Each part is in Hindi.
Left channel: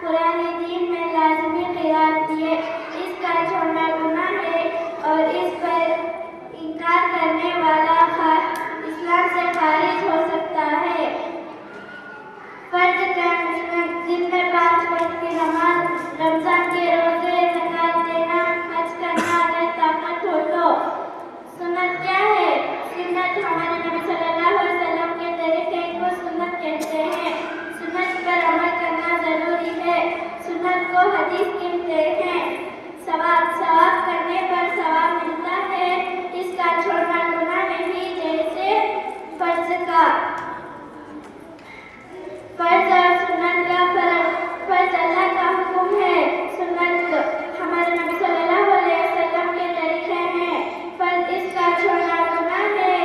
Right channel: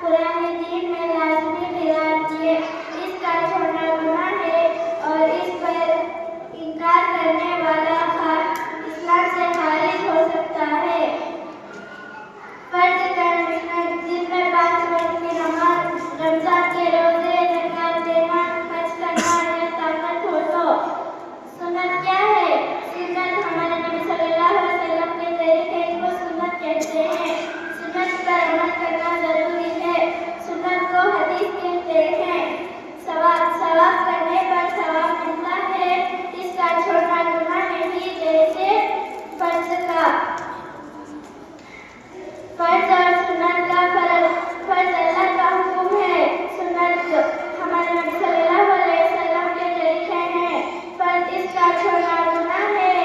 पुराने दीन में लाजमी क़ियाम किए। इसका छोड़ना गुनाह है और इस पर इनकार करने वाला इस्लाम से खारिज हो सकता है। फर्ज दिन में 5 वक्त की नमाज, रमजान के रोजे, ज़कात देना, हज करना अगर ताकत हो तो। सुन्नत क्या है? सुन्नत हमारे नबी सल्लल्लाहु अलैहि वसल्लम के तरीके को सुन्नत कहते हैं। सुन्नत पर अमल करना जरूरी है। सुन्नत को हदीस कहते हैं। सवाब करने पर सवाब मिलता है। इसका छोड़ना गुनाह नहीं, जैसे फर्ज और सुन्नत का फर्ज अल्लाह का हुक्म है। सुन्नत हमारे नबी सल्लल्लाहु अलैहि वसल्लम के तरीके हैं। फर्ज इसका छोड़ना गुनाह है।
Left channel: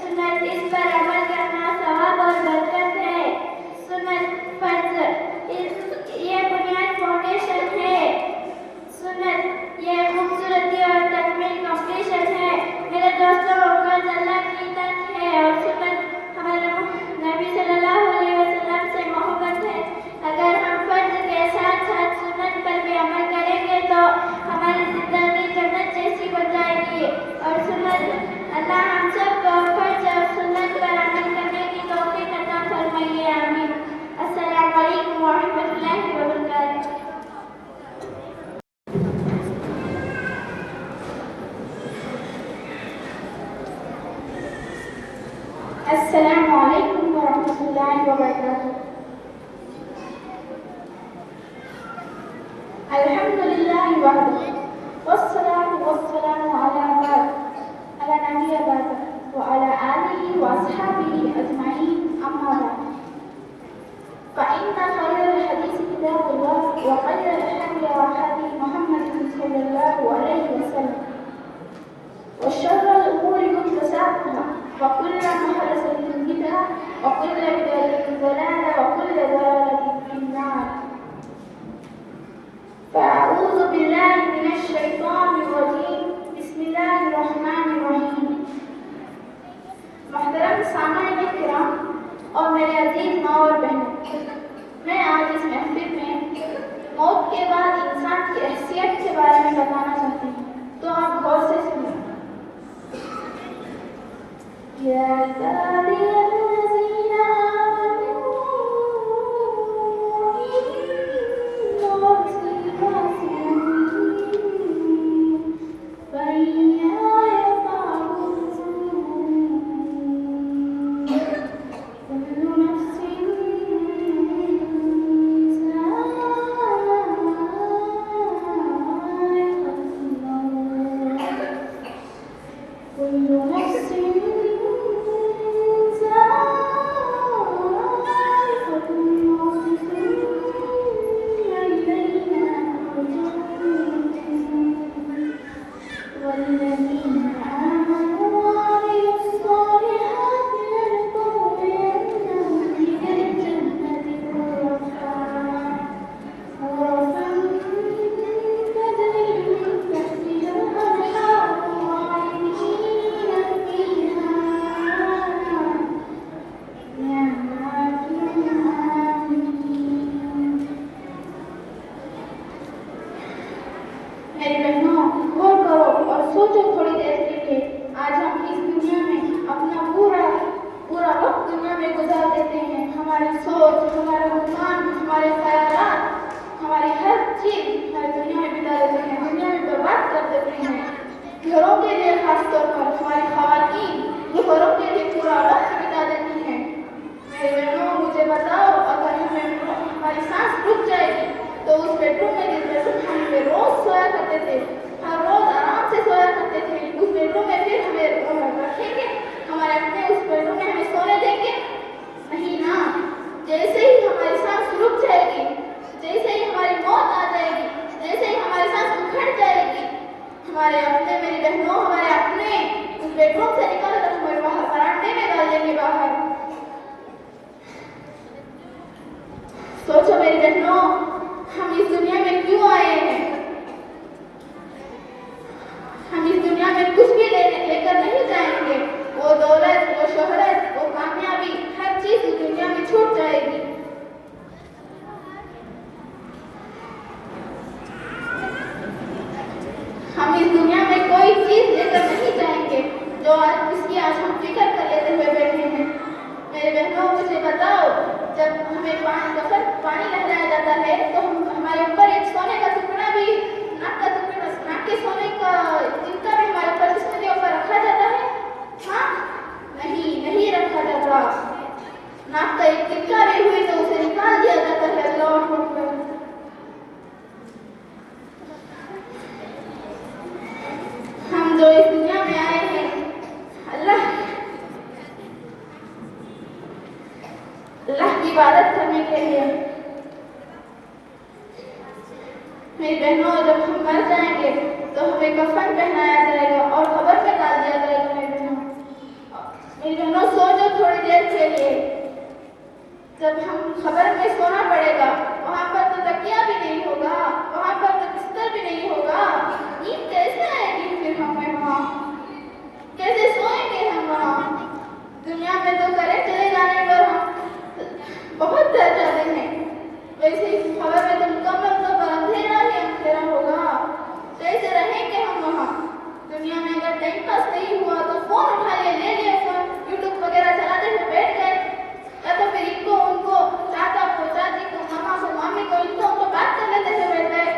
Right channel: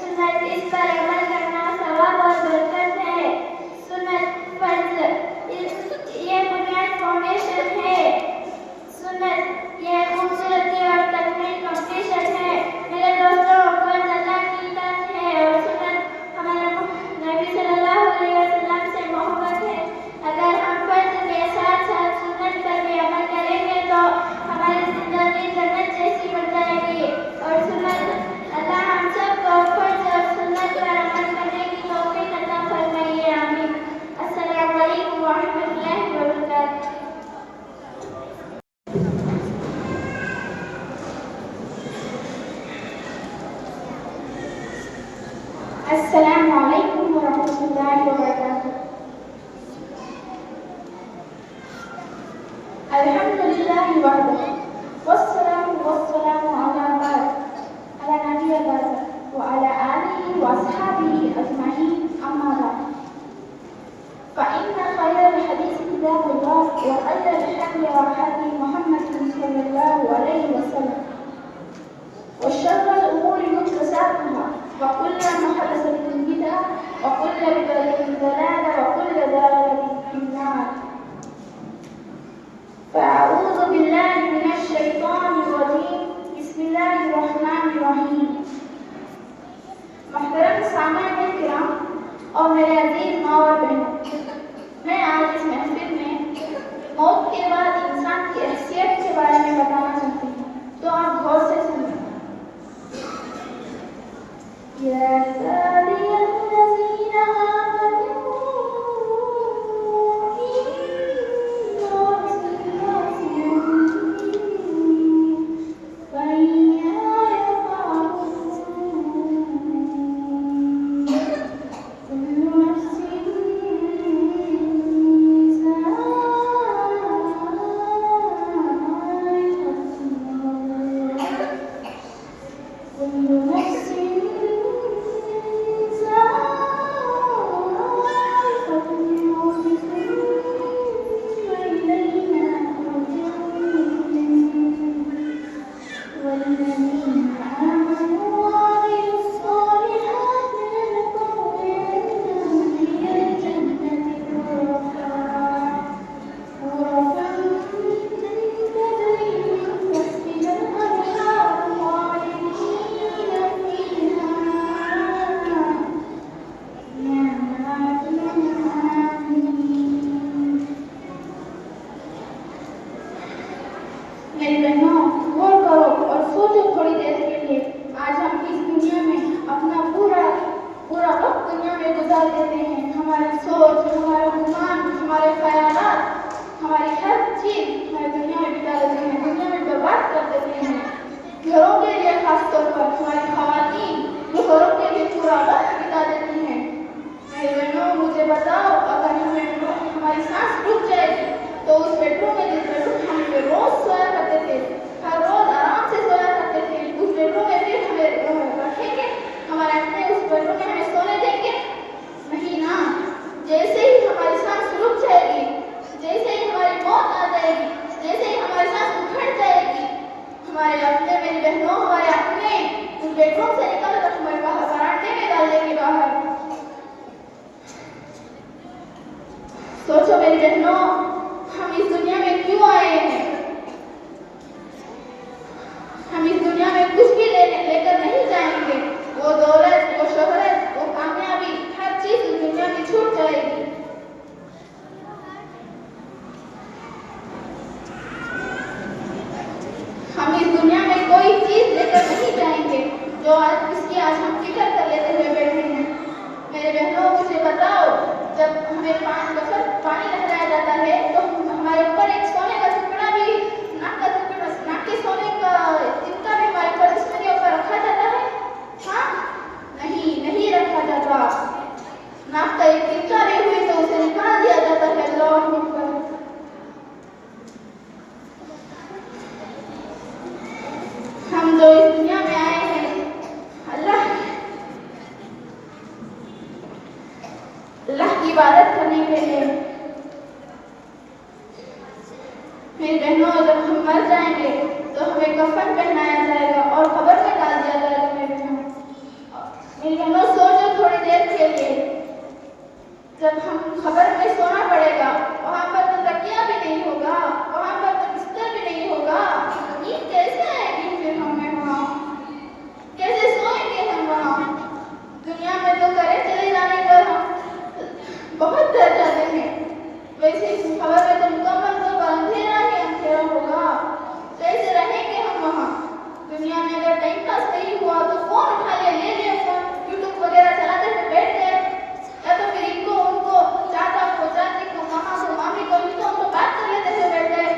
सुन्नत इस पर अमल करना सवाब और बरकत है। सुन्नत फर्ज ये बुनियाद फाउंडेशन है। सुन्नत ये खूबसूरती और तकमील कंप्लीशन है। मेरे दोस्तों, फर्ज अल्लाह की इताअत है और सुन्नत हमारे नबी सल्लल्लाहु अलैहि वसल्लम से मोहब्बत है। अगर हम फर्ज के साथ साथ सुन्नत पर भी अमल करेंगे तो हमारी जिंदगी जन्नत जैसी हो जाएगी। और सुन्नत अल्लाह हम सबको फर्ज और सुन्नत पर अमल करने की तौफीक अता फरमाइए। आमीन। अस्सलामु अलैकुम व रहमतुल्लाहि व बरकातुहू। अस्सलामु अलैकुम व रहमतुल्लाहि व बरकातुहू। अल्हम्दुलिल्लाहि वहदहु वस्सलातु वस्सलामु अला नबिय्यिना व अला आलिहि व अस्हाबिहि अजमईन, अम्मा बाद। फ़इन्न खैरल हदीस किताबुल्लाह व खैरल हदी हदी मुहम्मद सल्लल्लाहु अलैहि वसल्लम व शर्रल उमूरि मुहदसातुहा व कुल्लु मुहदसतिन बिदअह व कुल्लु बिदअतिन दलालह व कुल्लु दलालतिन फिन्नार। फ़अऊज़ु बिल्लाहि मिनश शैतानिर रजीम। बिस्मिल्लाहिर रहमानिर रहीम। मोहतरम सामाईन किराम और मेरे अजीज माँ और बहनों, मैं आज इस महफिल में मौत के बाद इंसान की हैसियत के बारे में बताना चाहती हूँ, तो आप गौर से सुनिए। मेरी बहनों, गौर करो और सोचो थोड़ी देर के लिए। आज हम इस दुनिया में अपना पूरा वक्त दुनिया में गुजार देते हैं। हमारी सोच, हमारा गुमान, हमारे ख्यालात, हमारी हर चीज हमारी दुनिया में बिता देते हैं, दुनिया में बर्बाद कर देते हैं। घरों के लिए खासतौर पर हमारी ख़वातीन घरों के लिए पूरा वक्त बिता देती हैं। मेरे बहनों, मुझे बताओ, अगर हमारी सांस रुक जाएगी तो उस बेडरूम में जिस बेडरूम हम रोज सोया करते थे, हर रोज आराम से सोया करते थे, उस बेडरूम में फिर हमें रखेंगे? हमारे अपने उस बेडरूम में हमें सोने देंगे? नहीं ना। जैसे ही हमारी सांस रुक जाएगी, जैसे ही हमारी मौत आ जाएगी, जैसे ही हमारी सांस उखड़ जाएगी, हमारे अपने, मेरी बहनों, हमारे अपने उस बेडरूम से निकल कर हमें बाहर बरामदे में डाल देंगे बाहर। सोचो मेरी बहनों, हम इस दुनिया में क्यों आए हैं? हम इस दुनिया में कुछ भी लेकर नहीं जाएंगे। वो दौलत, वो शोहरत, तो आज इसकी आज हम फिक्र कर लेते हुए बैठे हैं। मेरे बहनों, मुझे बताओ, जब हमें पानी लहराया जाता है तो हमारे ऊपर एक सोने का टुकड़ा भी, नाक के सोने का तिनका भी हमारे ऊपर जिस्म के ऊपर रखा जाता है? हाँ, नहीं रखा जाता। नाक का एक तिनका भी हुई तो उसे निकाल दिया जाता है। अल्लाह अकबर। हम जो इस दुनिया में आए हैं अल्लाह की इबादत करने के लिए। मेरी बहनों, जब हम मर जाएंगे तो हमें कफन पहनाया जाएगा और कब्र में डाल दिया जाएगा। मेरी बहनों, सोचो थोड़ी देर के लिए, जब हम कब्र में सोना पड़ेगा, वहां पर तो तकिया भी नहीं होगा, वहां पर तो बिस्तर भी नहीं होगा। नींद कैसे आएगी फिर हमें? वहां कैसे सोएंगे हम? वहां दुनिया में तो करे चले जाने पर हम बहुत डर जाते हैं, वैसे इस खबर में तो मुकम्मल तो अंधेरा ही अंधेरा होगा। कैसे रहेंगे हम वहाँ? दुनिया में अगर टाइम पास नहीं हुआ तो फोन उठा ले फोन, यूट्यूब वगैरह चलाते हुए बैठ गए, या तो फिर इनको उनको चाचा को चाची को मामा को मामी को इनको उनको बात कर लेते हुए बैठ गए।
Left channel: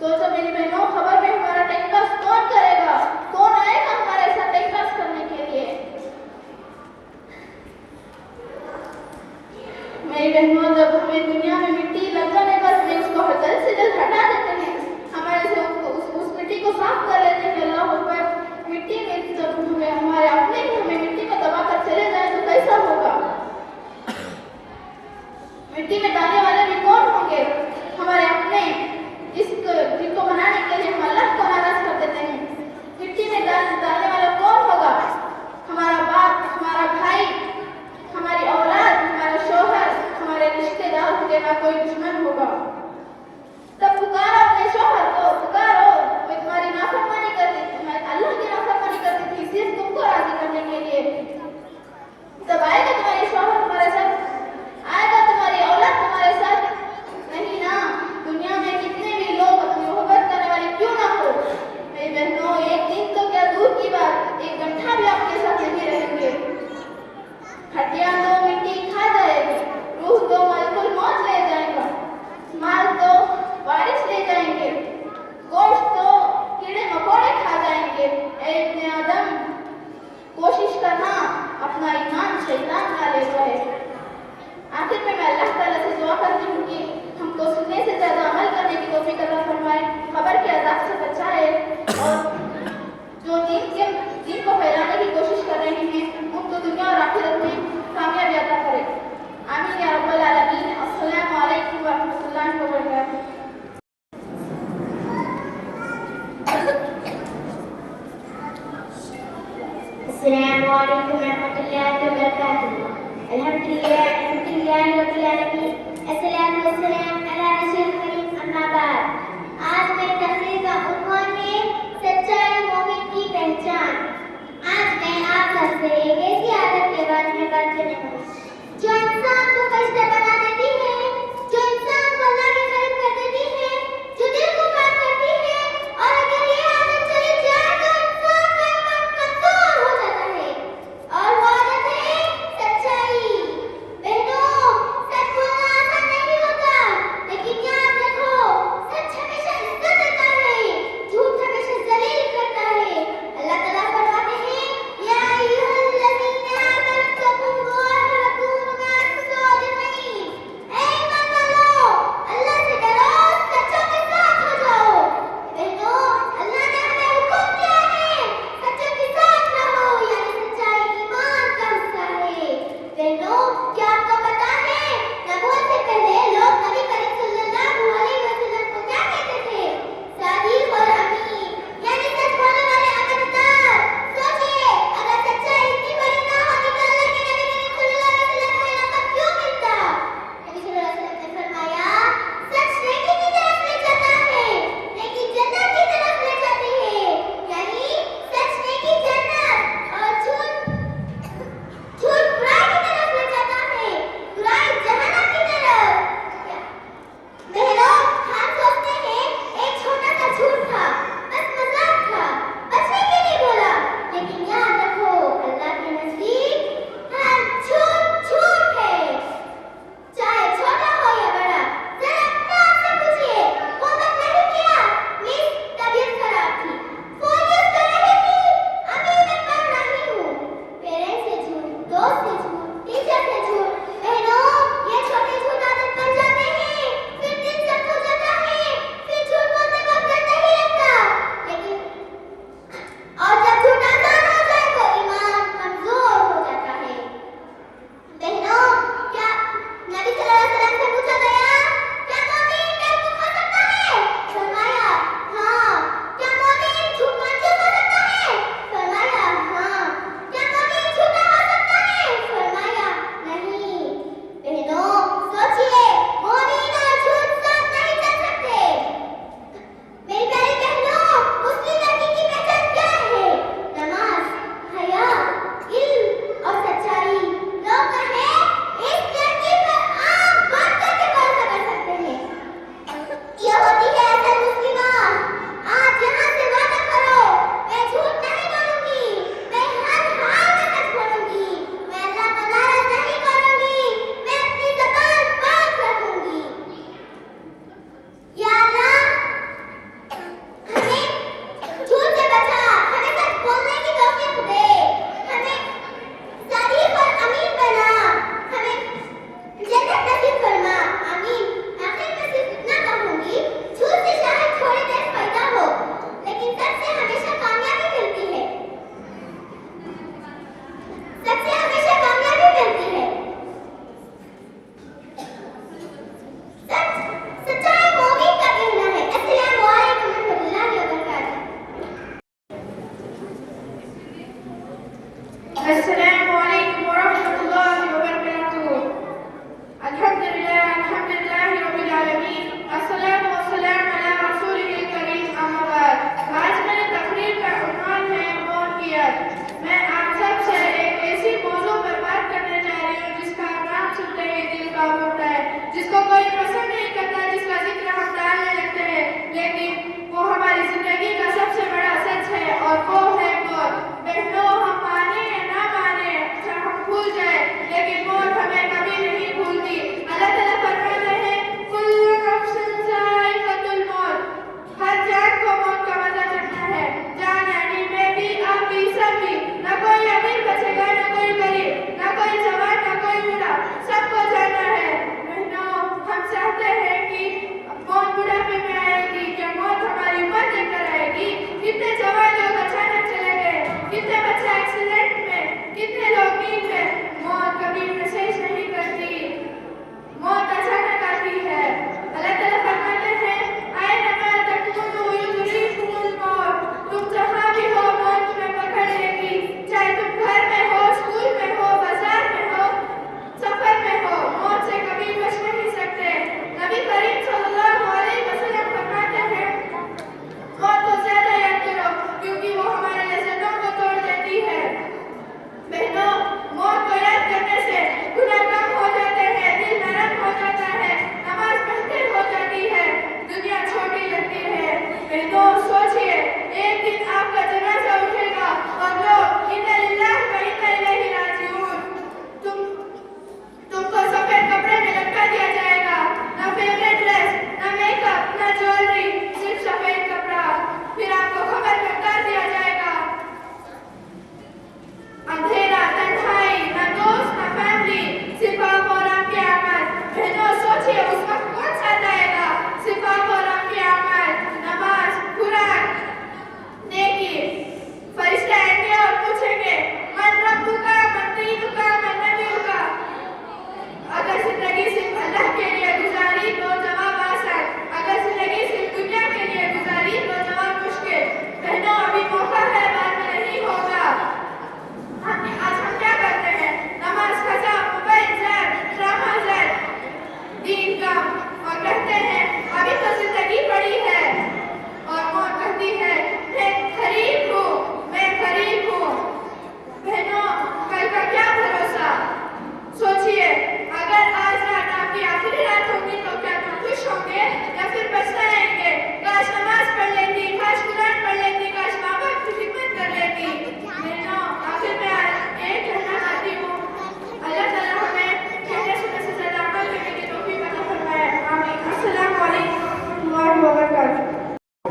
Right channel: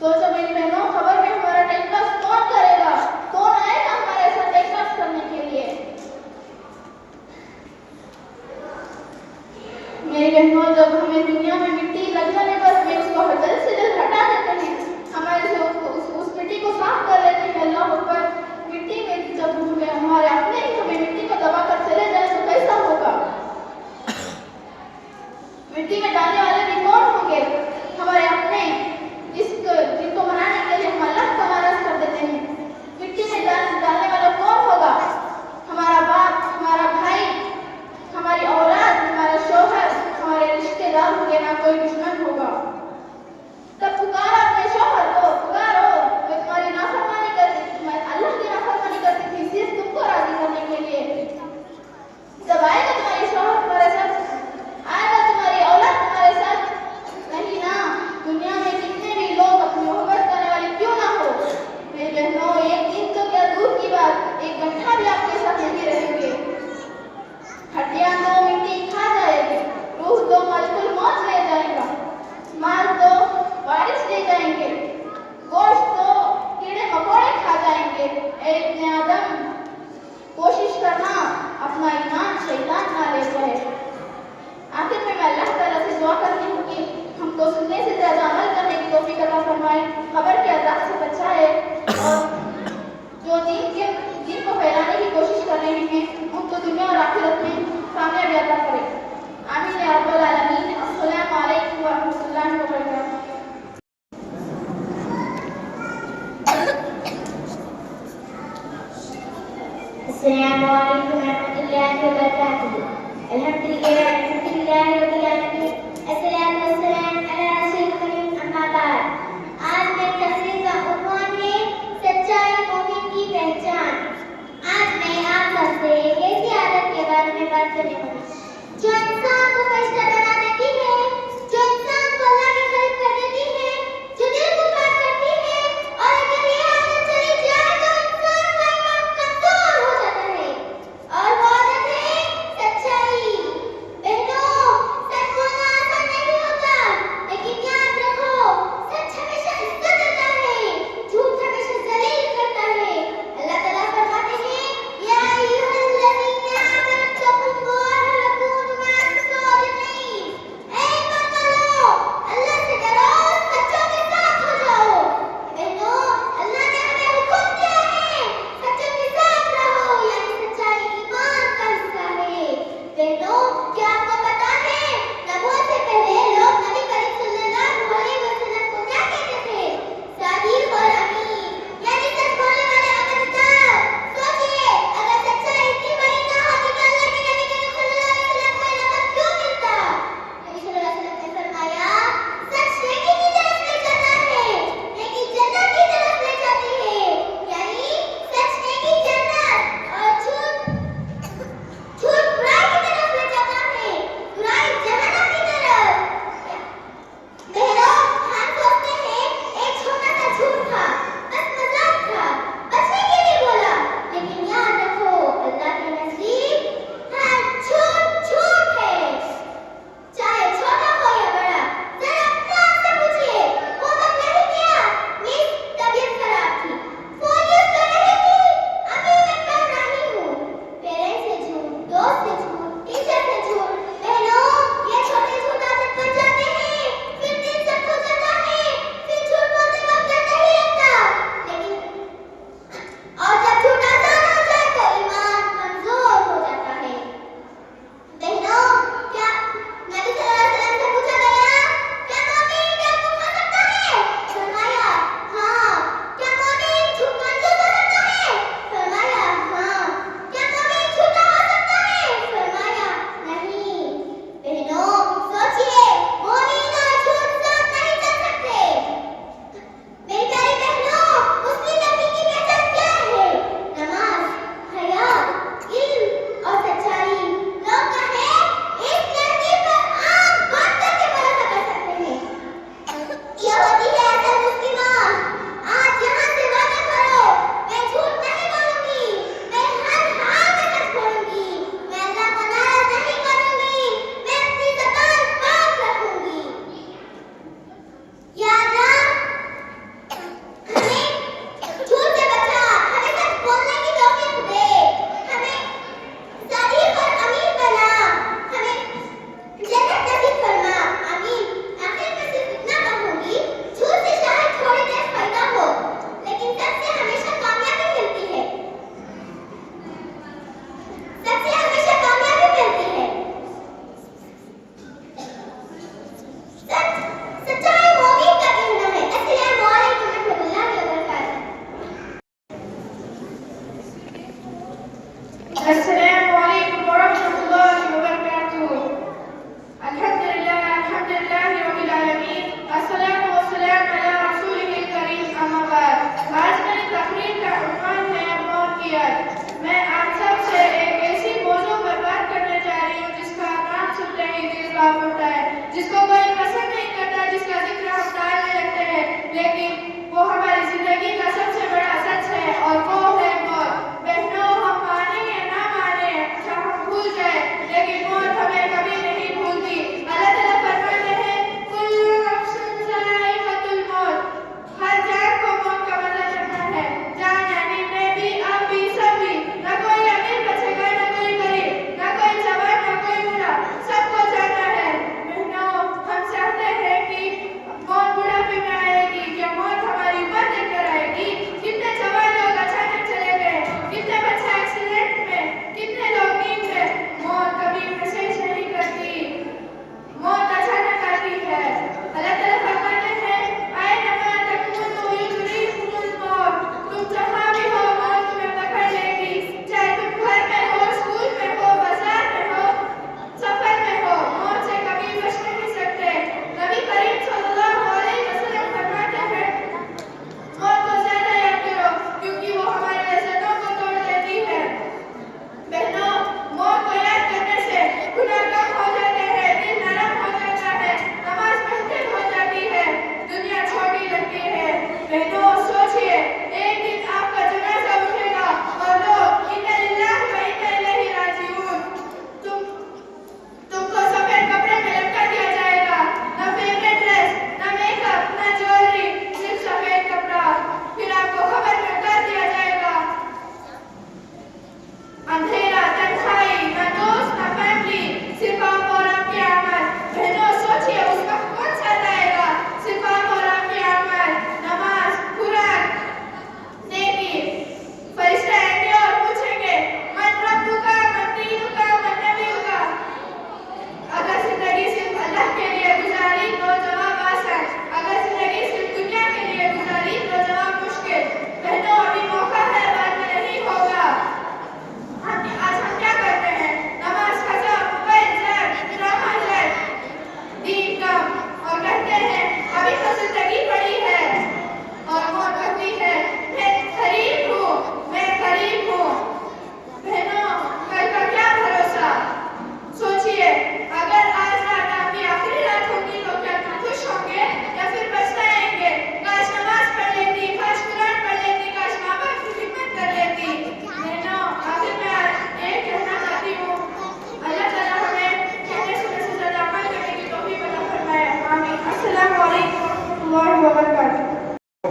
सोचो मेरी बहनों, खबर में हमारा टाइम पास कौन करेगा? कौन आएगा हमारे साथ टाइम पास करने के लिए? मेरी बहनों, जब हमें दुनिया में मिट्टी लग जाने पर हमें उसको जल्द से जल्द हटा देते हैं, हमारे से उस मिट्टी को साफ कर लेते हैं। अल्लाह ऊपर मिट्टी में जब हमें हमारे अपने हमें मिट्टी में दबा कर चले जाए तो कैसा होगा? मिट्टी में डालने वाले भी कौन होंगे? हमारे अपने, जिनको बनाने के लिए हम अल्लाह को नाराज कर देते हैं। मिट्टी में डालने वाला कौन होगा? हमारा बाप, हमारा भाई, हमारी औलाद, हमारा शौहर, हमारे रिश्तेदार होंगे, ना कोई दुश्मन होगा। तब पुकारो अपने शौहर को, पुकारो, मैं तुम्हारी नाफरमानी करती थी, मैं अल्लाह की नाफरमानी करती थी सिर्फ तुमको राजी करने के लिए। तब आएगा तुम्हारे शौहर तुम्हारे साथ, आएगा तुम्हारी औलाद तुम्हारे साथ? नहीं ना। दुनिया में कितने भी लोग अपनी मोहब्बत करने वाले क्यों ना हो, मेरी बहनों, एक दिन तो क्या दूर की बात, एक घंटा भी आपके साथ नहीं रहेंगे। हड्डियां तो मिट्टी खा जाएगी, रूह तो मलकुल मौत ले जाएगा, माल तो बारिश ले जाएंगे, गोश्त तो कीड़े मकोड़े खा जाएंगे। ऐ इब्ने आदम, कोशिश करना अपना ईमान शैतान ना ले जाए। आखिर में मैं अल्लाह ताला से दुआ करती हूँ कि हमको सुनने से ज्यादा अमल करने की तौफीक अता फरमाए, खबर के अज़ाब से बचाए, और जो दीन को फैलाने की कोशिश कर रहे हैं उनको दुनिया और आखिरत में कामयाबी अता करे। आमीन या रब्बल आलमीन। अस्सलामु अलैकुम व रहमतुल्लाहि व बरकातुहू। अस्सलामु अलैकुम व रहमतुल्लाहि व बरकातुहू। अल्हम्दुलिल्लाह रब्बिल आलमीन, अस्सलातु वस्सलाम अला रसूलिल करीम, अम्मा बाद। आज मेरी तकरीर का उन्वान है सच्चाई मोमिन की पहचान। आज मैं आप सबसे एक ऐसी आदत के बारे में बात करने वाली जो इंसान को कष्ट बना देती है, जो इंसान को अल्लाह के करीब कर देती है, जो दिल को पाक करती है, और अगर ये आदत चली जाए तो इंसान का ईमान कमजोर हो जाता है। और वो आदत है सच्चाई। बहनों, सच बोलना आसान नहीं होता।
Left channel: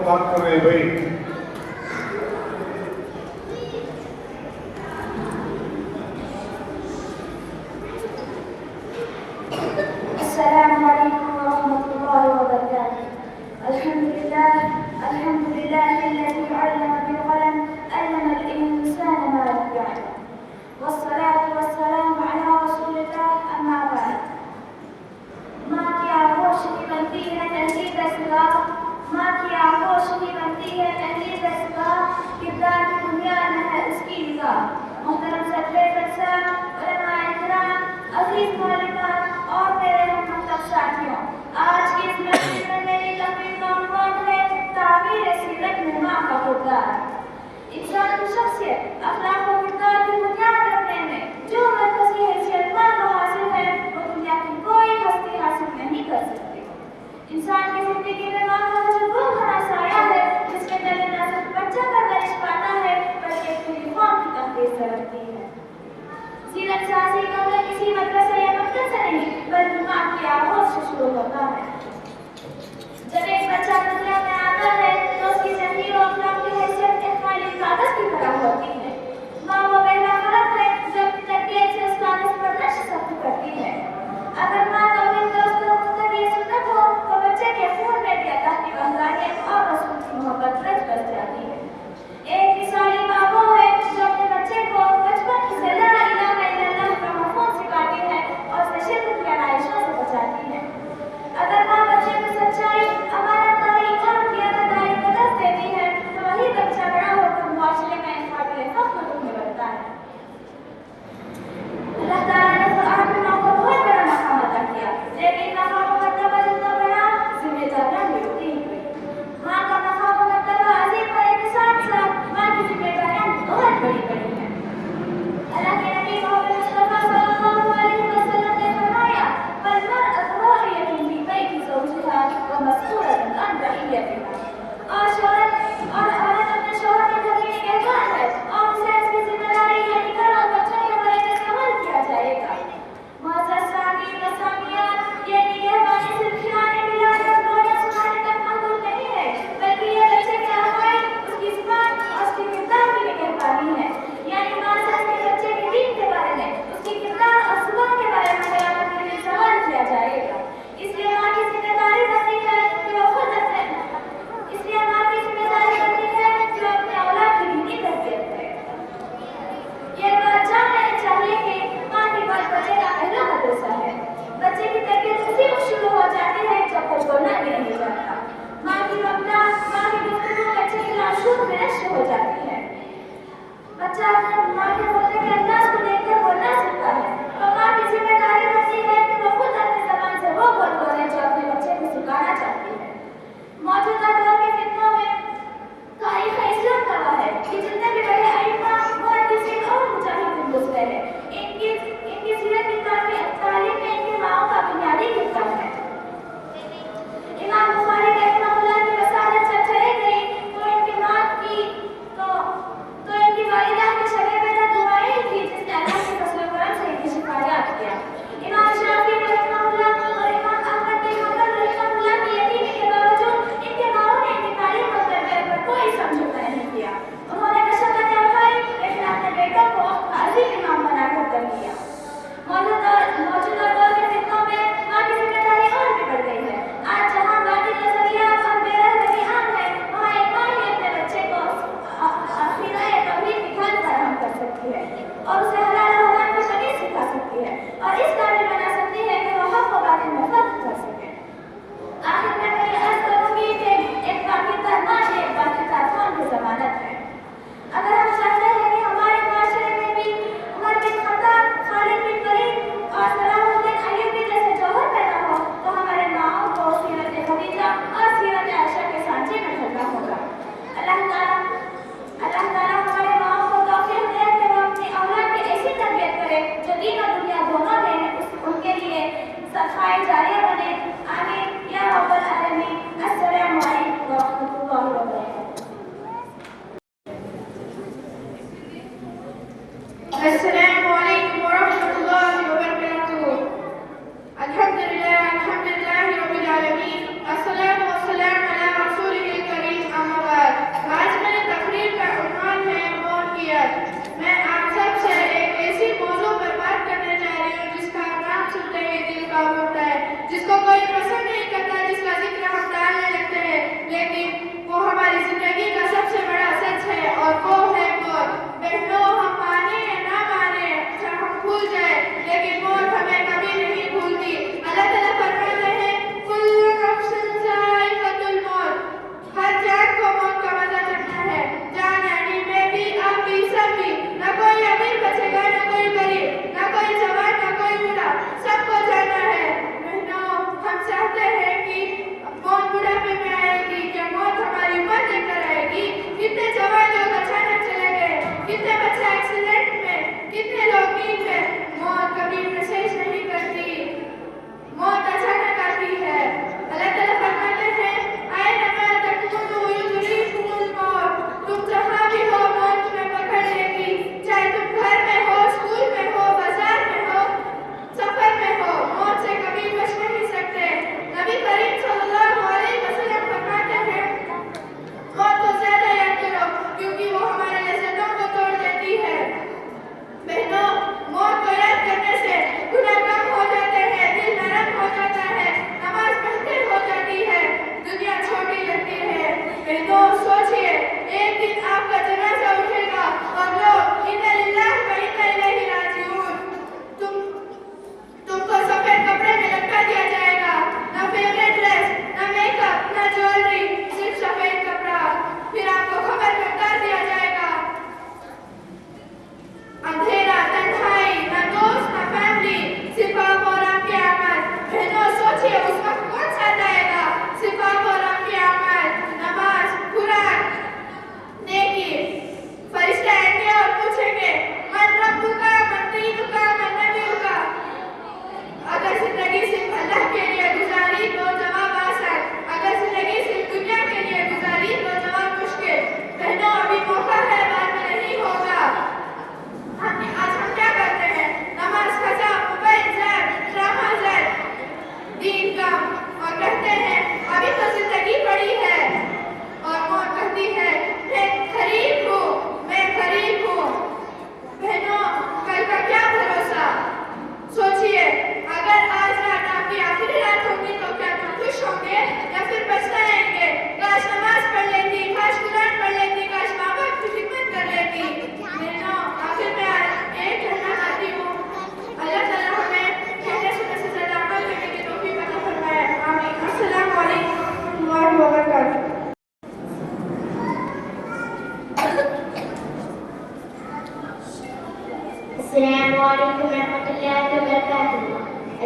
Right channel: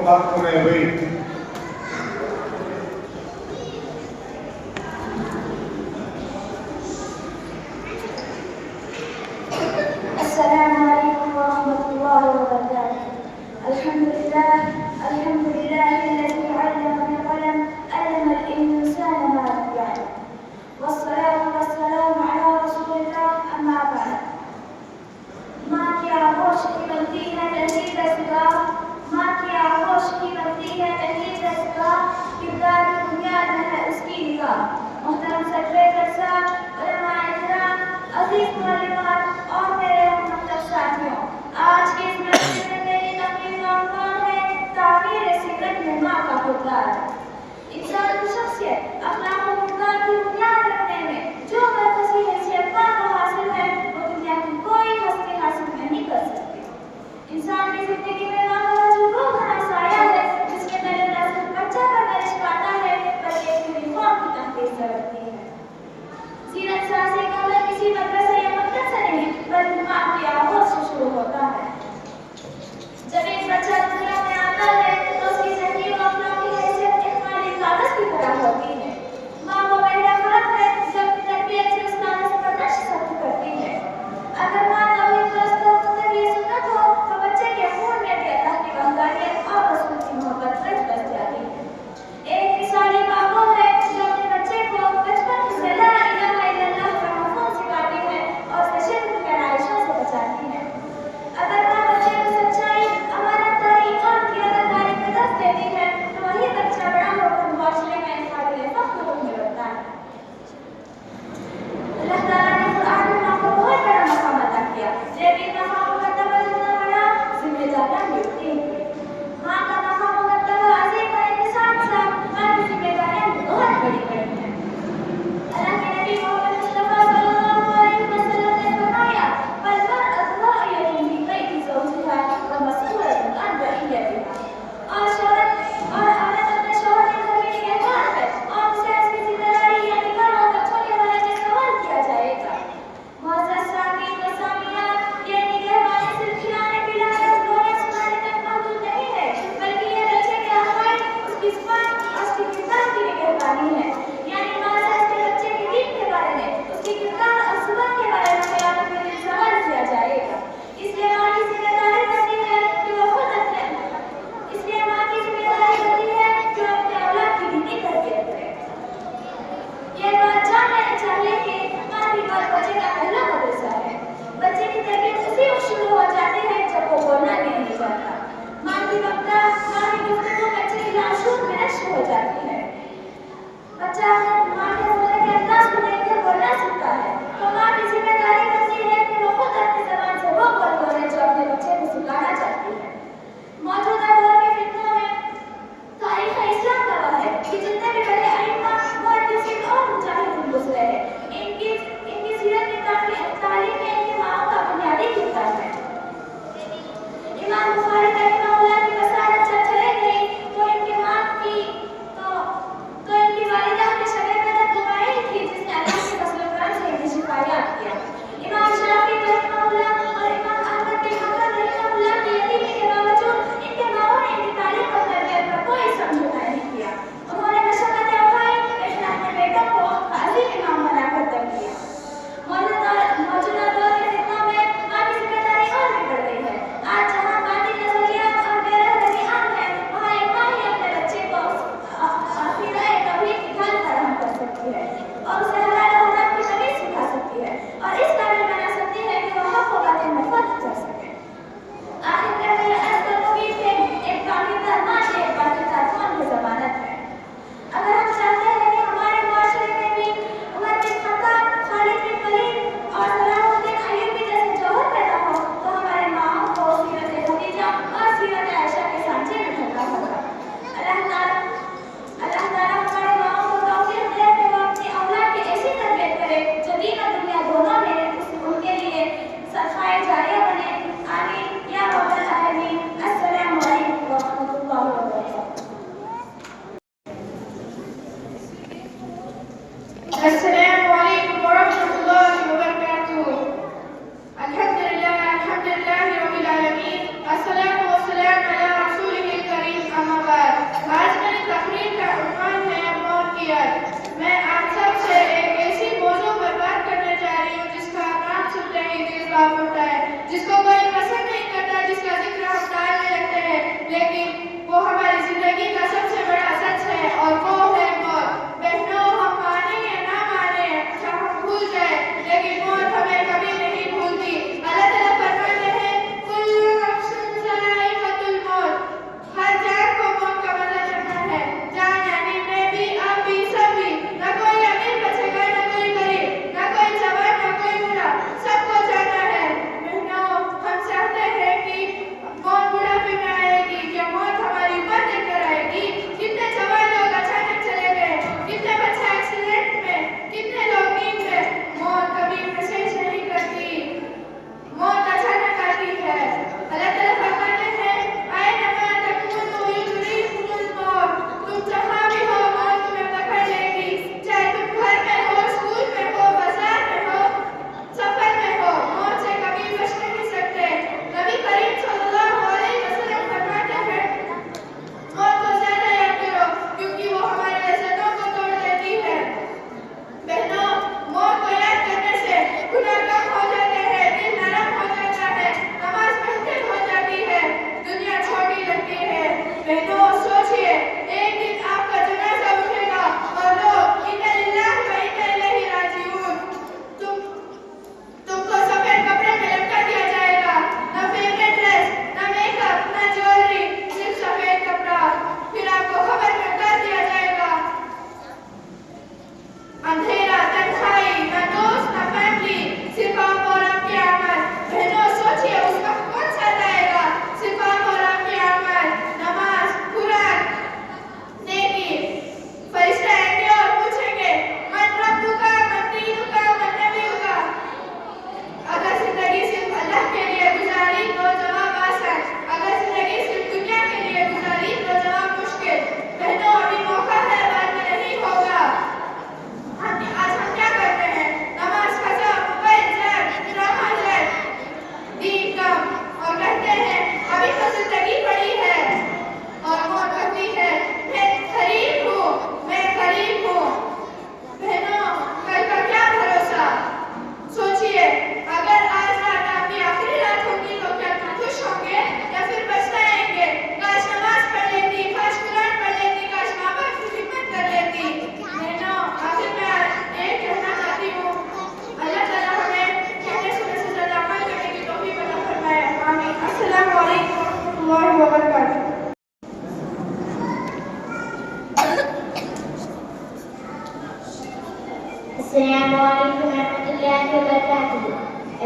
बात कर रहे हैं भाई।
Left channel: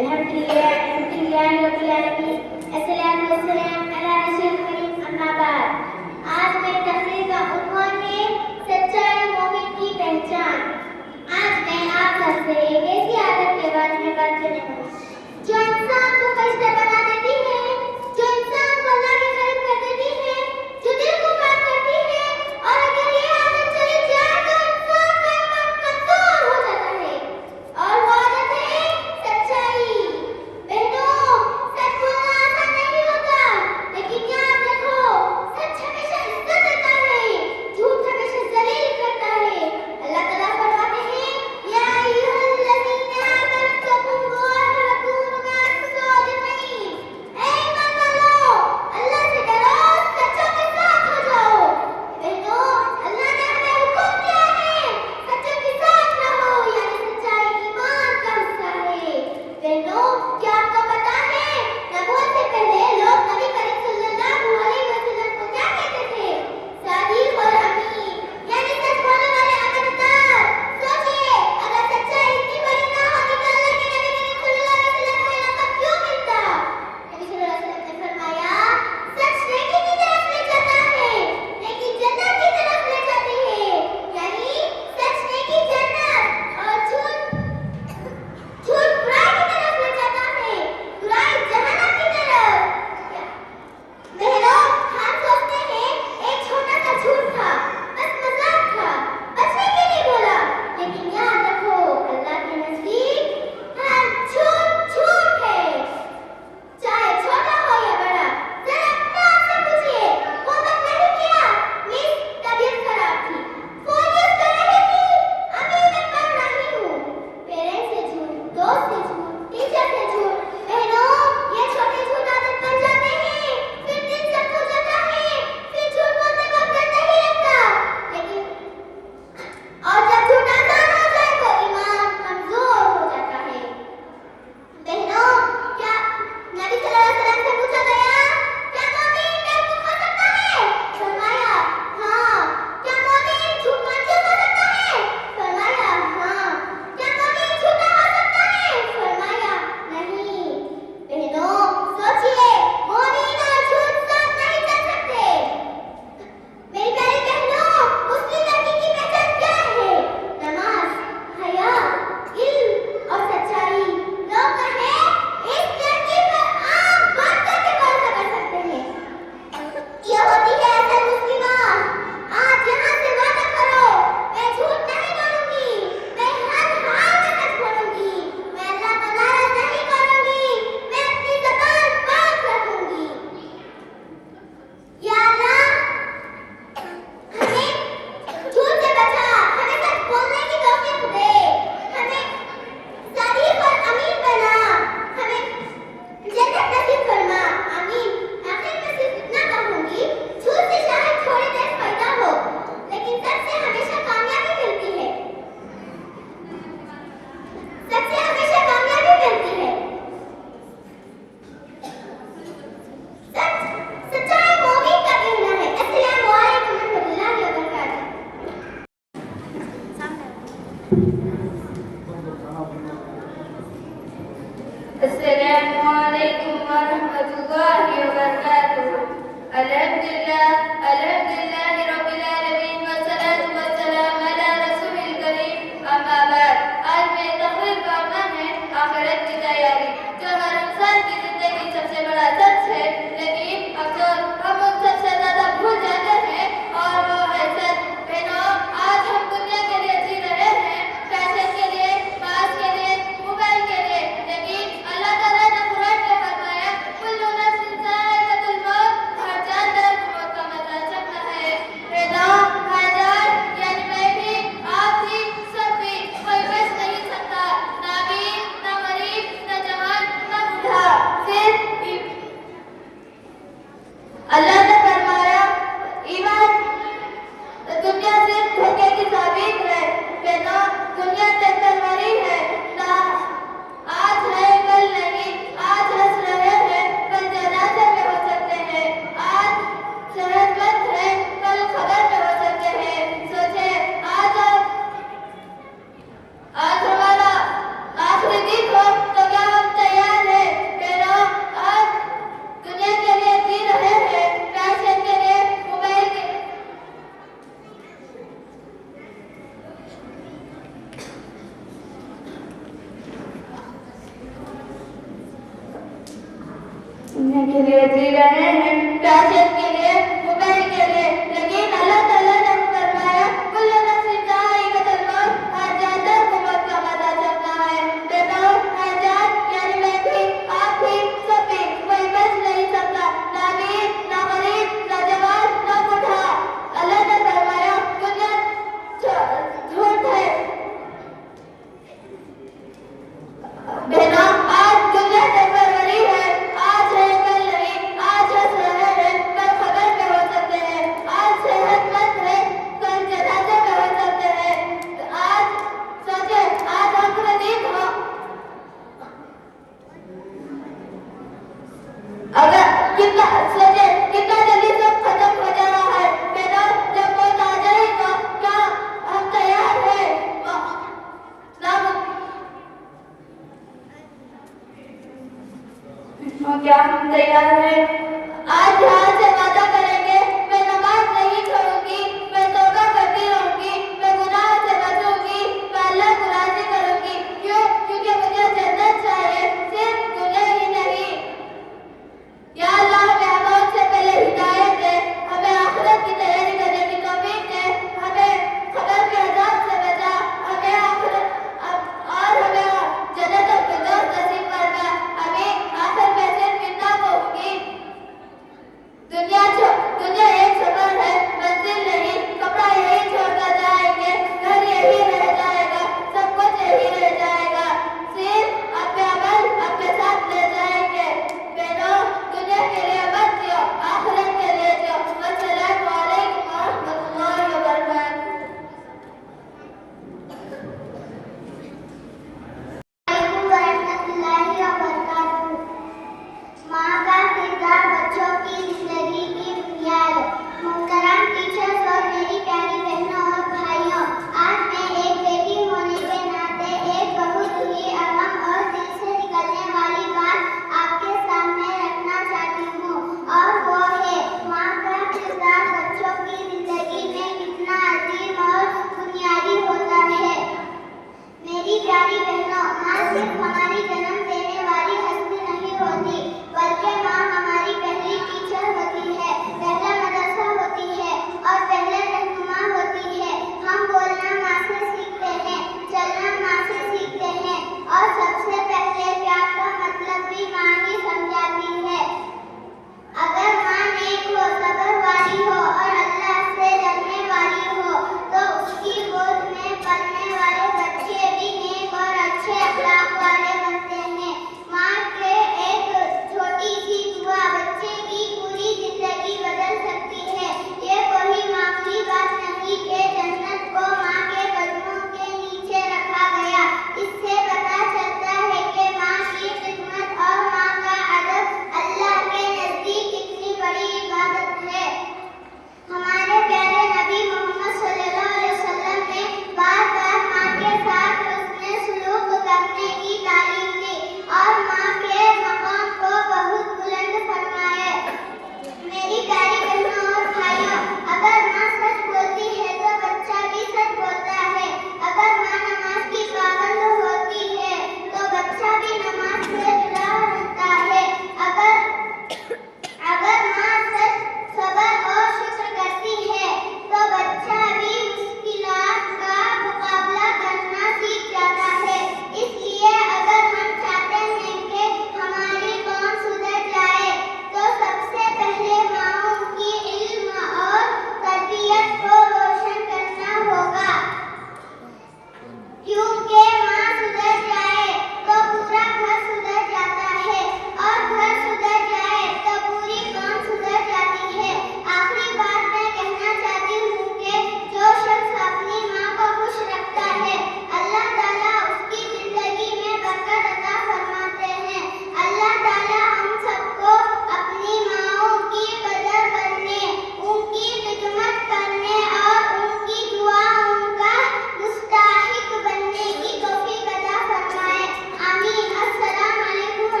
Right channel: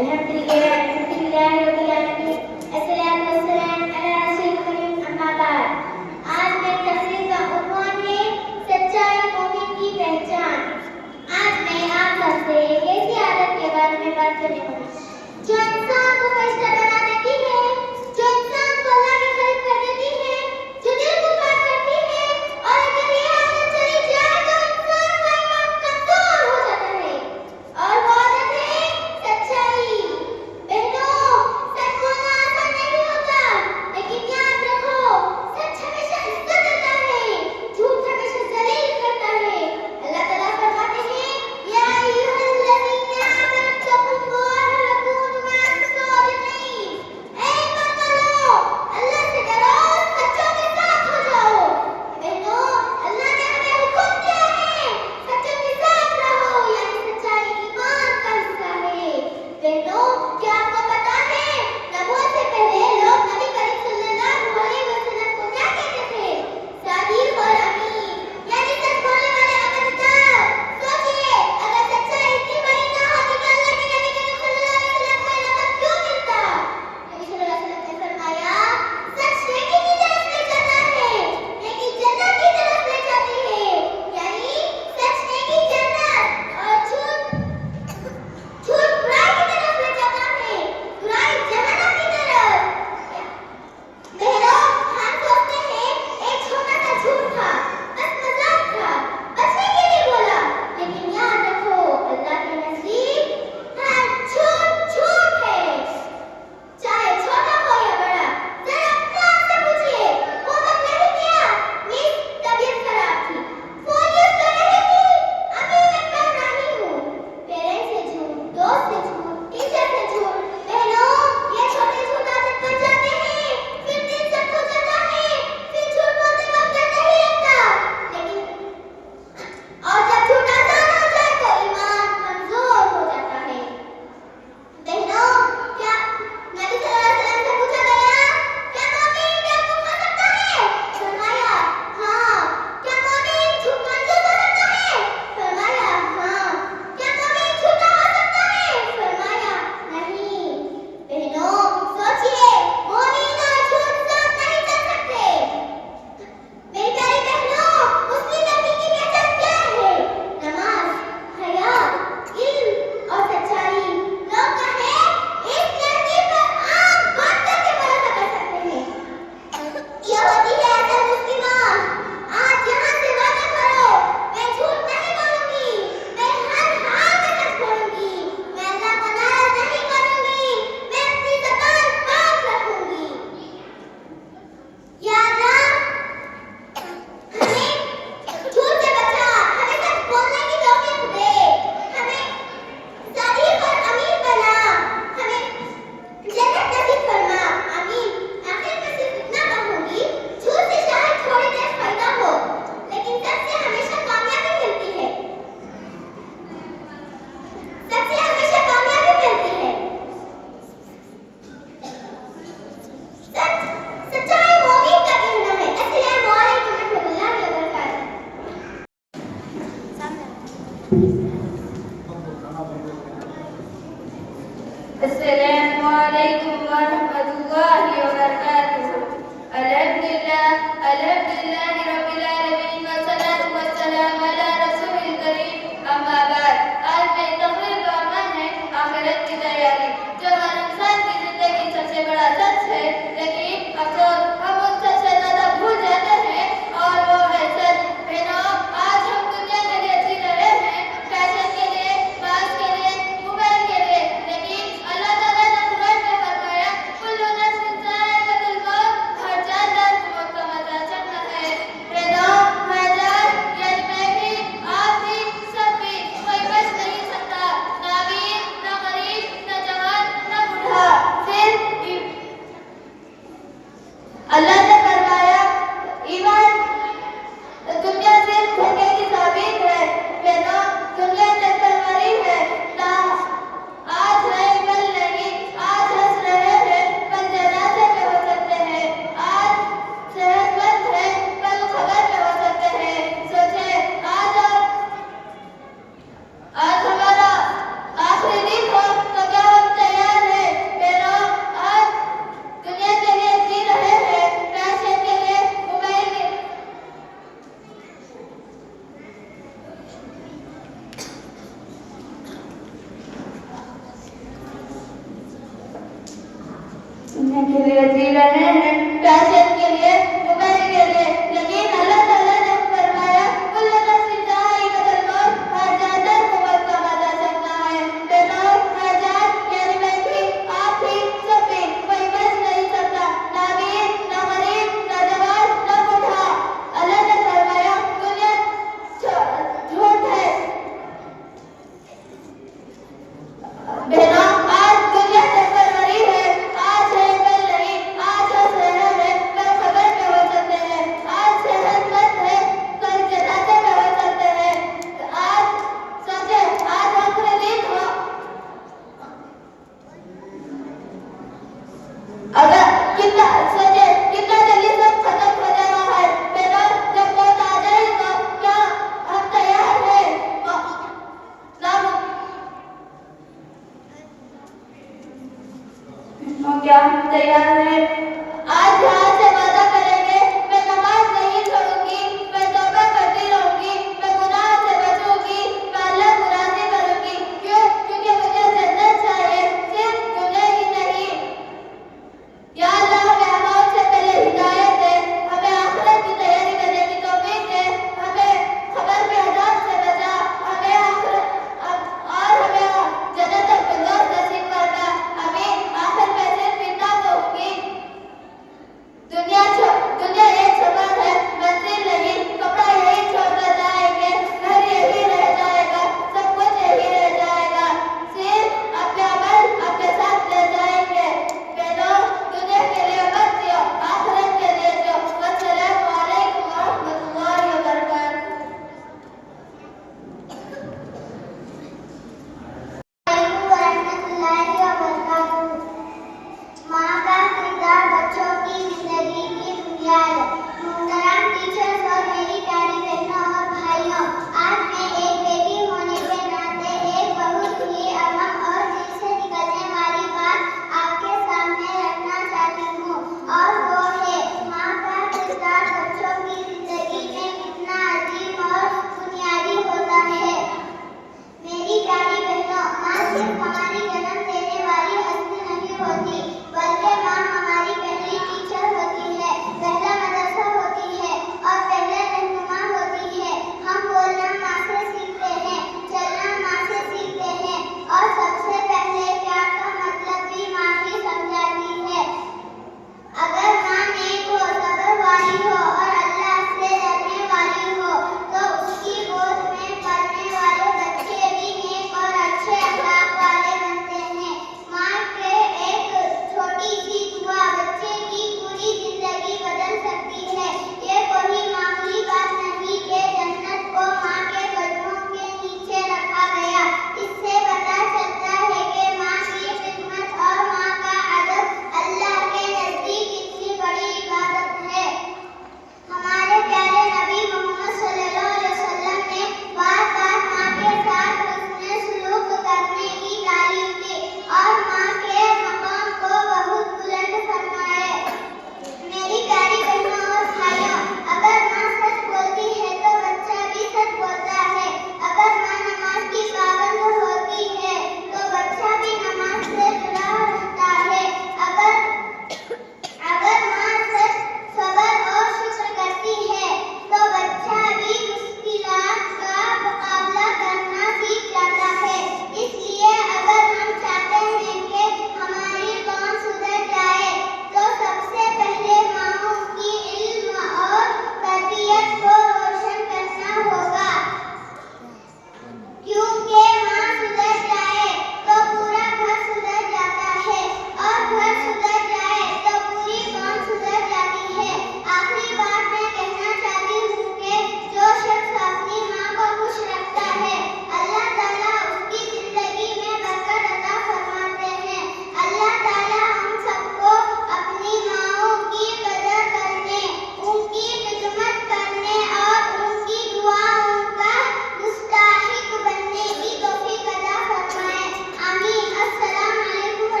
अल्हम्दुलिल्लाह रब्बिल आलमीन, अस्सलातु वस्सलाम अला रसूलिल करीम, अम्मा बाद। आज मेरी तकरीर का उन्वान है सच्चाई मोमिन की पहचान। आज मैं आप सबसे एक ऐसी आदत के बारे में बात करने वाली हूँ जो इंसान को फरिश्ता बना देती है, जो इंसान को अल्लाह के करीब कर देती है, जो दिल को पाक करती है। और अगर ये आदत चली जाए तो इंसान का ईमान कमजोर हो जाता है। और वो आदत है सच्चाई। बहनों, सच बोलना आसान नहीं होता, लेकिन याद रखो सच हमेशा इज्जत देता है, झूठ हमेशा जलील करता है। अल्लाह ताला फरमाते हैं, या अय्युहल्लज़ीना आमनू तक़ुल्लाह व कूनू मअस-सादिक़ीन। ऐ ईमान वालों, अल्लाह से डरो, सच्चों के साथ हो जाओ। बहनों, अल्लाह ने हमें हुक्म दिया है सच्चों के साथ रहो, यानी सच्चाई ईमान का हिस्सा है। बहनों, क्या आपको पता है नबूवत से पहले लोग नबी करीम सल्लल्लाहु अलैहि वसल्लम को क्या कहते थे? सादिक और अमीन, यानी सच बोलने वाले अमरदार। सोचिए, अगर सच्चाई इतनी बड़ी ना होती तो अल्लाह के नबी करीम सल्लल्लाहु अलैहि वसल्लम को ये लक़ब क्यों मिलता? नबी सल्लल्लाहु अलैहि वसल्लम ने फरमाया, सच नेकी की तरफ ले जाता है, नेकी जन्नत की तरफ ले जाती है, यानी सच नेकी जन्नत और झूठ बुराई की तरफ ले जाता है, बुराई जहन्नम की तरफ। बहनों, हम सोचते हैं एक छोटा सा झूठ था, बस मजाक था, बचने के लिए बोला, लेकिन याद रखो अल्लाह के नजदीक हर झूठ झूठ है, चाहे छोटा हो या बड़ा। जरा अपने आप से पूछिए, वो मैं नहीं किया, मेरी तबीयत खराब थी, फोन यूज कर रही थी, अभी मैं पढ़ रही हूँ। पेरेंट्स से झूठ, दोस्त से झूठ, टीचर से झूठ। बहनों, ये छोटे झूठ आदत बन जाते हैं, फिर दिल सख्त हो जाता है, फिर झूठ बोलते वक्त डर नहीं लगता। लेकिन और जब झूठ आसान हो जाए तो ईमान कमजोर हो जाता है। बहनों, क्या नबी सल्लल्लाहु अलैहि वसल्लम से पूछा गया, क्या मोमिन बेवकूफ हो सकता है? फरमाया, हाँ। क्या मोमिन झूठ कंजूस हो सकता है? फरमाया, हाँ। क्या मोमिन झूठा हो सकता है? फरमाया, नहीं। बहनों, सोचिए, मोमिन और झूठ साथ नहीं चल सकते। मेरी प्यारी बहनों, मुस्लिम लड़की की पहचान क्या है? नमाज, हया, इल्म और सच्चाई। लोग कहें इस लड़की पर आंख बंद करके भरोसा कर सकते हैं। ये होती है असल मुस्लिमा। आज यहाँ से वादा करो, मैं झूठ नहीं बोलूंगी, मैं हर हाल में सच बोलूंगी, मैं अल्लाह को नाराज नहीं करूंगी, मैं अपनी ज़बान पाक रखूंगी। या अल्लाह, हमें झूठ से बचा, हमें सच बोलने की तौफीक दे, हमें सादिक और अमीन बना, हमें जन्नत नसीब फरमा, आमीन। आखिर में सिर्फ इतना कहूंगी, झूठ से शायद थोड़ी देर फायदा हो, लेकिन सच से हमेशा कामयाबी मिलती है, सच से हमेशा कामयाबी मिलती है। सच्चाई मोमिन का कहना है। अस्सलामु अलैकुम रहमतुल्लाहि व बरकातहू। अस्सलामु अलैकुम वरहमतुल्लाहि वबरकातुहू। अल्हम्दुलिल्लाहि रब्बिल आलमीन वस्सलातु वस्सलामु अला रसूलिल करीम, अम्मा बाद। आज मेरी तकरीर का उन्वान है आखिरत की तैयारी, जो हर इंसान की जिंदगी सबसे बड़ा सच है, लेकिन अक्सर हम उन सबसे ज्यादा भूल जाते हैं और वो है सच। बहनों, आज हम दुनिया के लिए जी रहे हैं, फैशन के लिए, मास के लिए, मोबाइल के लिए, लेकिन अल्लाह ताला ने कुरान में फरमाया, कुल्लु नफ्सिन ज़ाइक़ातुल मौत, हर जानदार मौत का मजा चखना है। बहनों, हाज़र यानी मैं भी, आप भी, सब भी, कोई बच नहीं सकता, ना अमीर, ना गरीब, ना जवान, ना बूढ़ा, सिर्फ अल्लाह ने फरमाया, ईमान दुनिया से धोखे की साबित है। बहनों, दुनिया चक्कर मरी है, ना आज है कल नहीं, आज हंस रहे हैं कल जनाजे में हो सकते हैं, आज सेहतमंद है कल खबर में हो सकते हैं। सोचे, आज हमारा आखिरी दिन हो तो क्या हम तैयार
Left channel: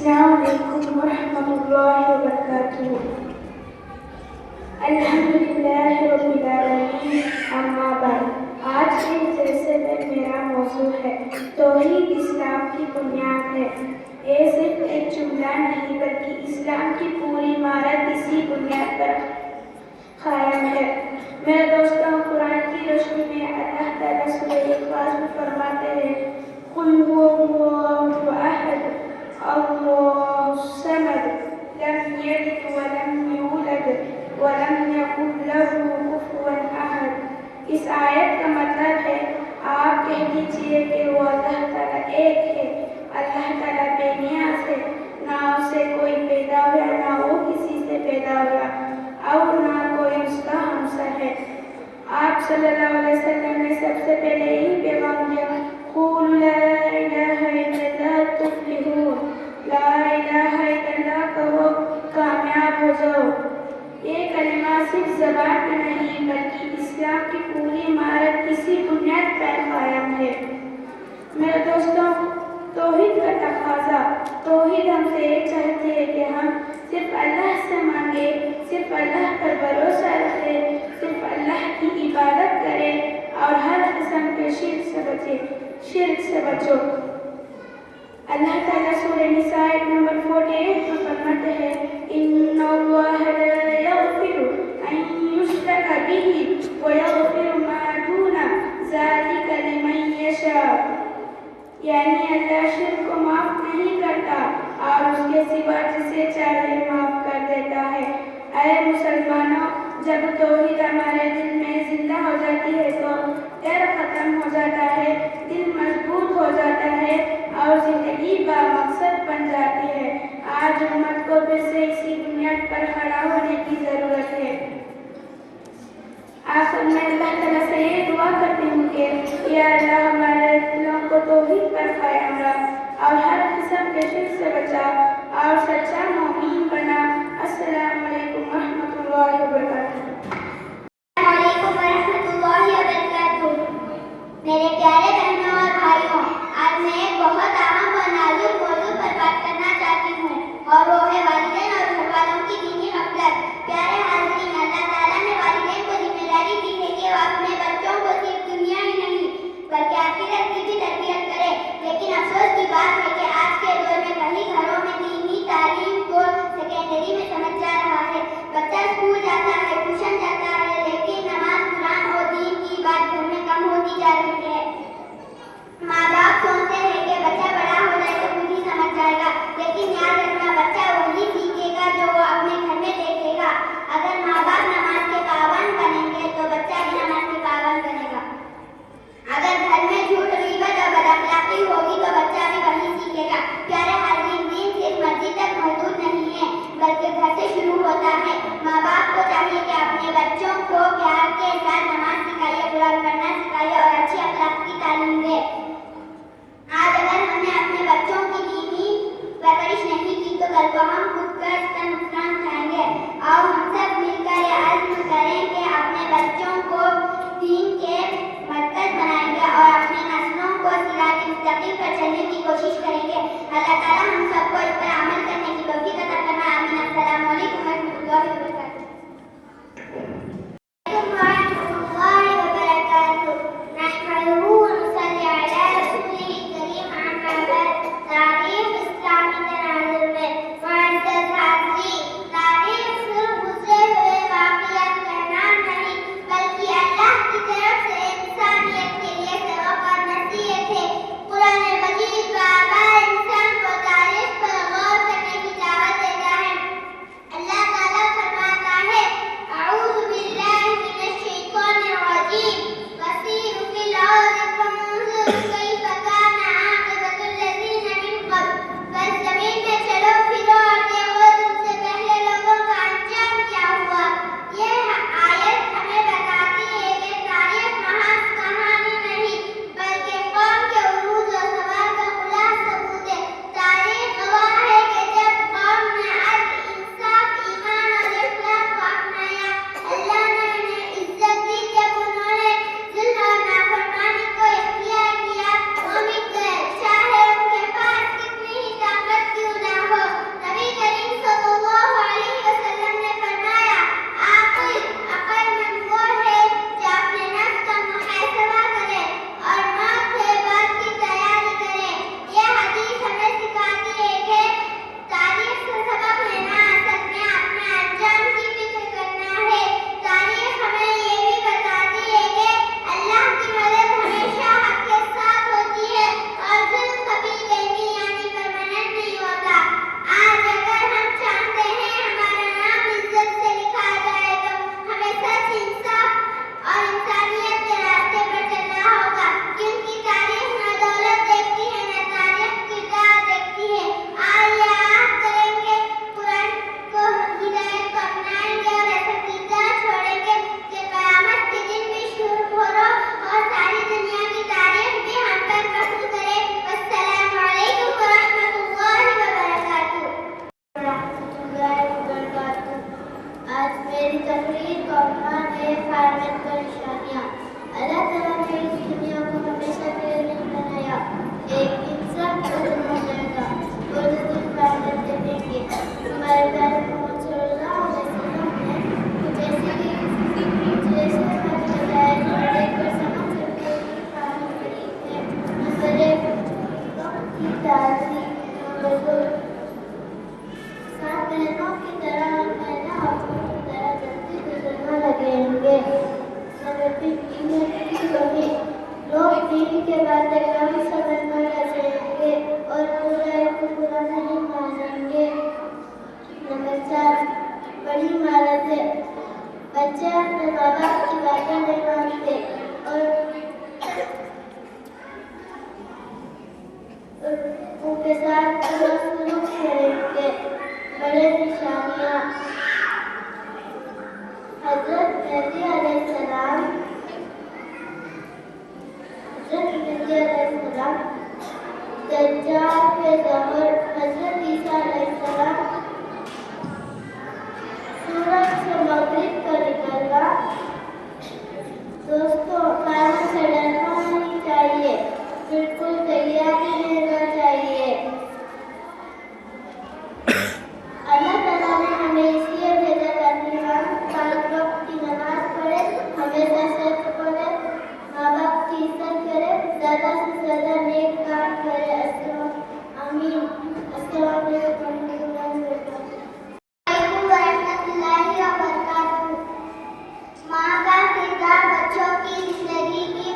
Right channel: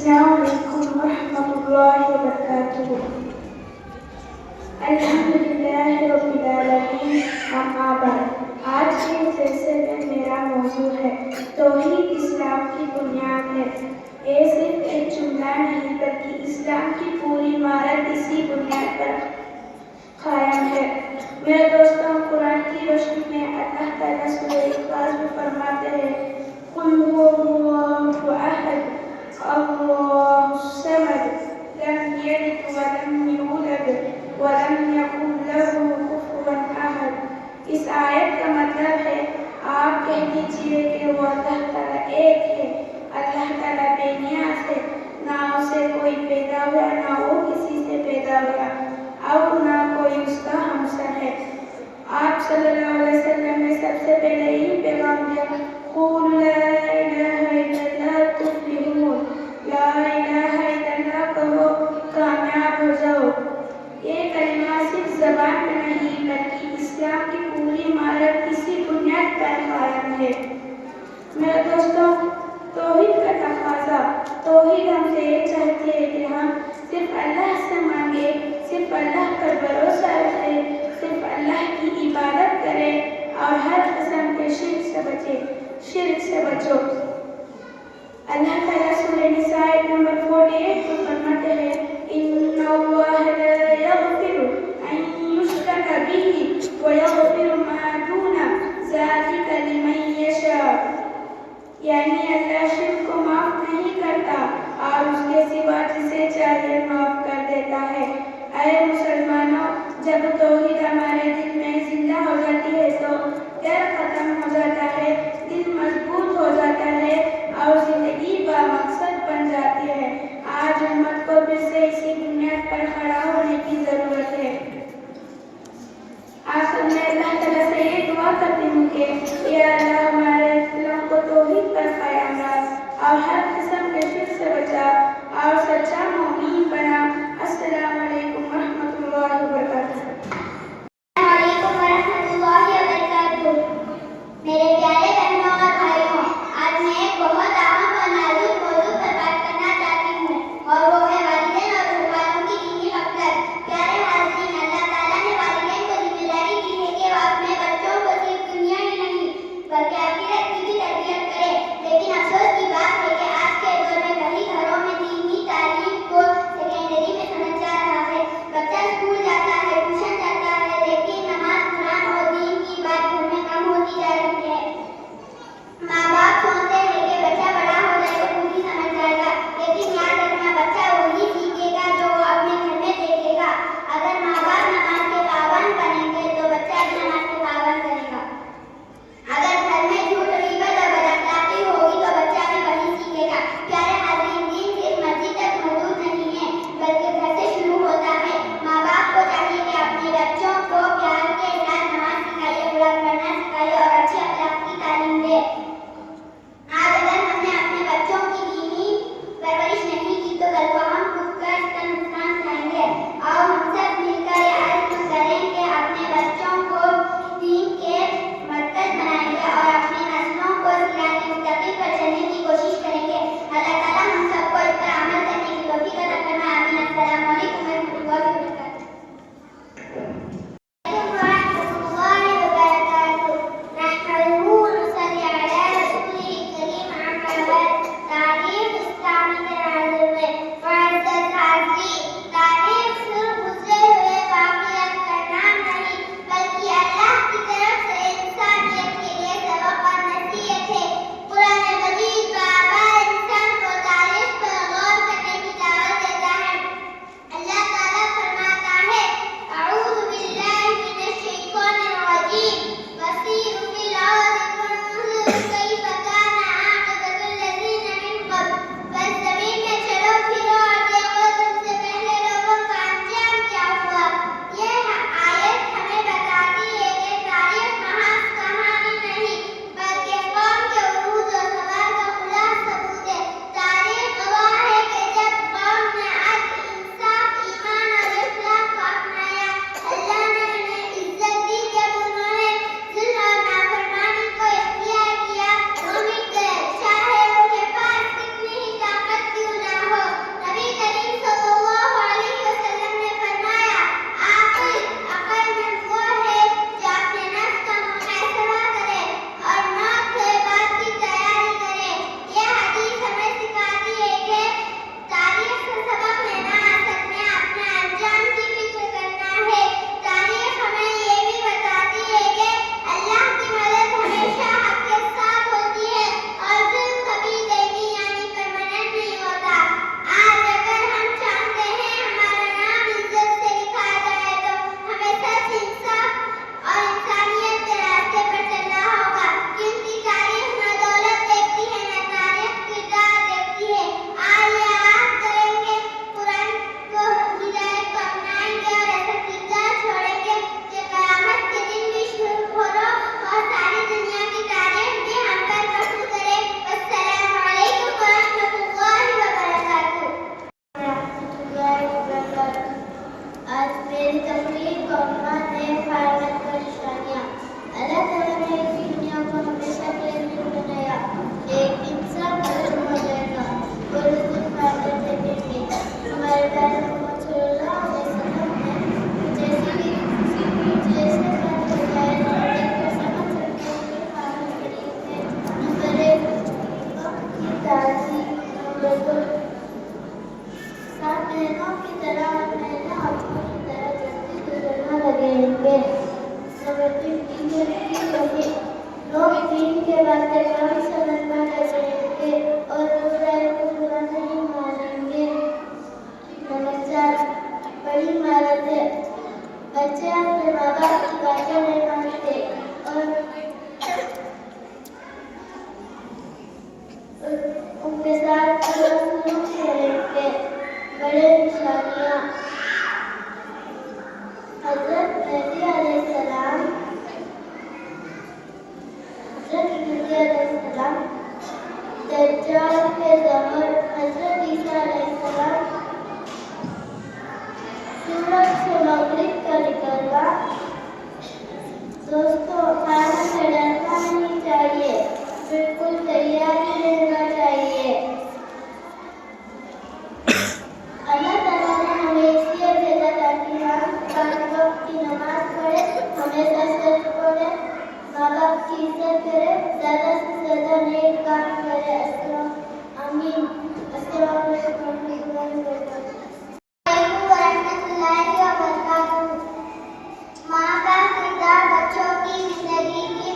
अस्सलाम वालेकुम वरहमतुल्लाहि वबरकातुहू। अल्हम्दुलिल्लाहि रब्बिल आलमीन, अम्मा बाद। आज के जलसे में मेरा मौजू है तौहीद इस्लाम की बुनियाद है। ये सिर्फ एक जुमला नहीं बल्कि इस्लाम की पूरी इमारत इसी बुनियाद पर कायम है। मेरे दोस्तों, कुरान की रोशनी में अल्लाह ताला सूरह इखलास में फरमाते हैं, कुल हुवल्लाहु अहद, अल्लाहु समद, लम यलिद व लम यूलद व लम यकुन लहू कुफुवन अहद। इस आयत का मतलब है, आप कह दीजिए कि वो अल्लाह ताला एक है। अल्लाह ताला बेनियाज है, ना उसे कोई पैदा हुआ, ना वो किसी से पैदा हुआ, और ना कोई उसका हमसर है। आप सल्लल्लाहु अलैहि वसल्लम ने सबसे पहले ही पैगाम दिया, कुल ला इलाहा इल्लल्लाह तुफ्लिहून, ला इलाहा इल्लल्लाह कहो, कामयाब हो जाओ। ये कलिमा सिर्फ ज़बान में नहीं बल्कि इस्लाम की पूरी इमारत इसी बुनियाद पर कायम है। मेरे दोस्तों, तौहीद का तकाज़ा, तौहीद हमसे ये चाहती है कि हम सिर्फ अल्लाह से मांगे, सिर्फ अल्लाह पर भरोसा रखें, सिर्फ अल्लाह की इबादत करें और हर किस्म के शिर्क से बचो। अल्लाह ताला सूरह निसा नंबर 48 में फरमाते हैं, इन्नल्लाह ला यग़फिरु अन युश्रका बिही व यग़फिरु मा दूना ज़ालिका लिमन यशा। यानी अल्लाह शिर्क को माफ नहीं करता और उसके सिवा जिसे चाहे माफ कर देता है। अरे मुसलमानों, जब तौहीद हमारे दिल में जिंदा हो जाती है तो डर खत्म हो जाता है, दिल मजबूत हो जाता है और जिंदगी बामकसद बन जाती है। आज उम्मत को फिर से इसी बुनियाद पर खड़ा होने की जरूरत है। आखिर में अल्लाह ताला उनके बातें काफी समझ में लगेंगे और बुराई को बुरा नहीं मानेंगे। नंबर 4, बड़ी महारतें। बच्चे अपने माँ बाप की बातें नहीं मानते और उनके साथ सलूक से रहेंगे। बड़े निशानियाँ। हज़रत मेहदी अलैहिस्सलाम, दज्जाल के ज़मर, हज़रत ईसा अलैहिस्सलाम, सूरज से मगरिब का निकलना। दोस्तों, खाना से डरना नहीं चाहिए, बिल्कुल तैयारी रहना चाहिए। अल्लाह ताला ने हमें इसलिए भेजा ताकि हम 5 वक्त की नमाज पढ़े, हमेशा सच बोले, माँ बाप की इज्जत करे, ज़्यादा से ज़्यादा नेक काम करे। आमीन। अस्सलाम वालेकुम वरहमतुल्लाहि वबरकातुहू। माँ का किरदार बच्चों की जिंदगी की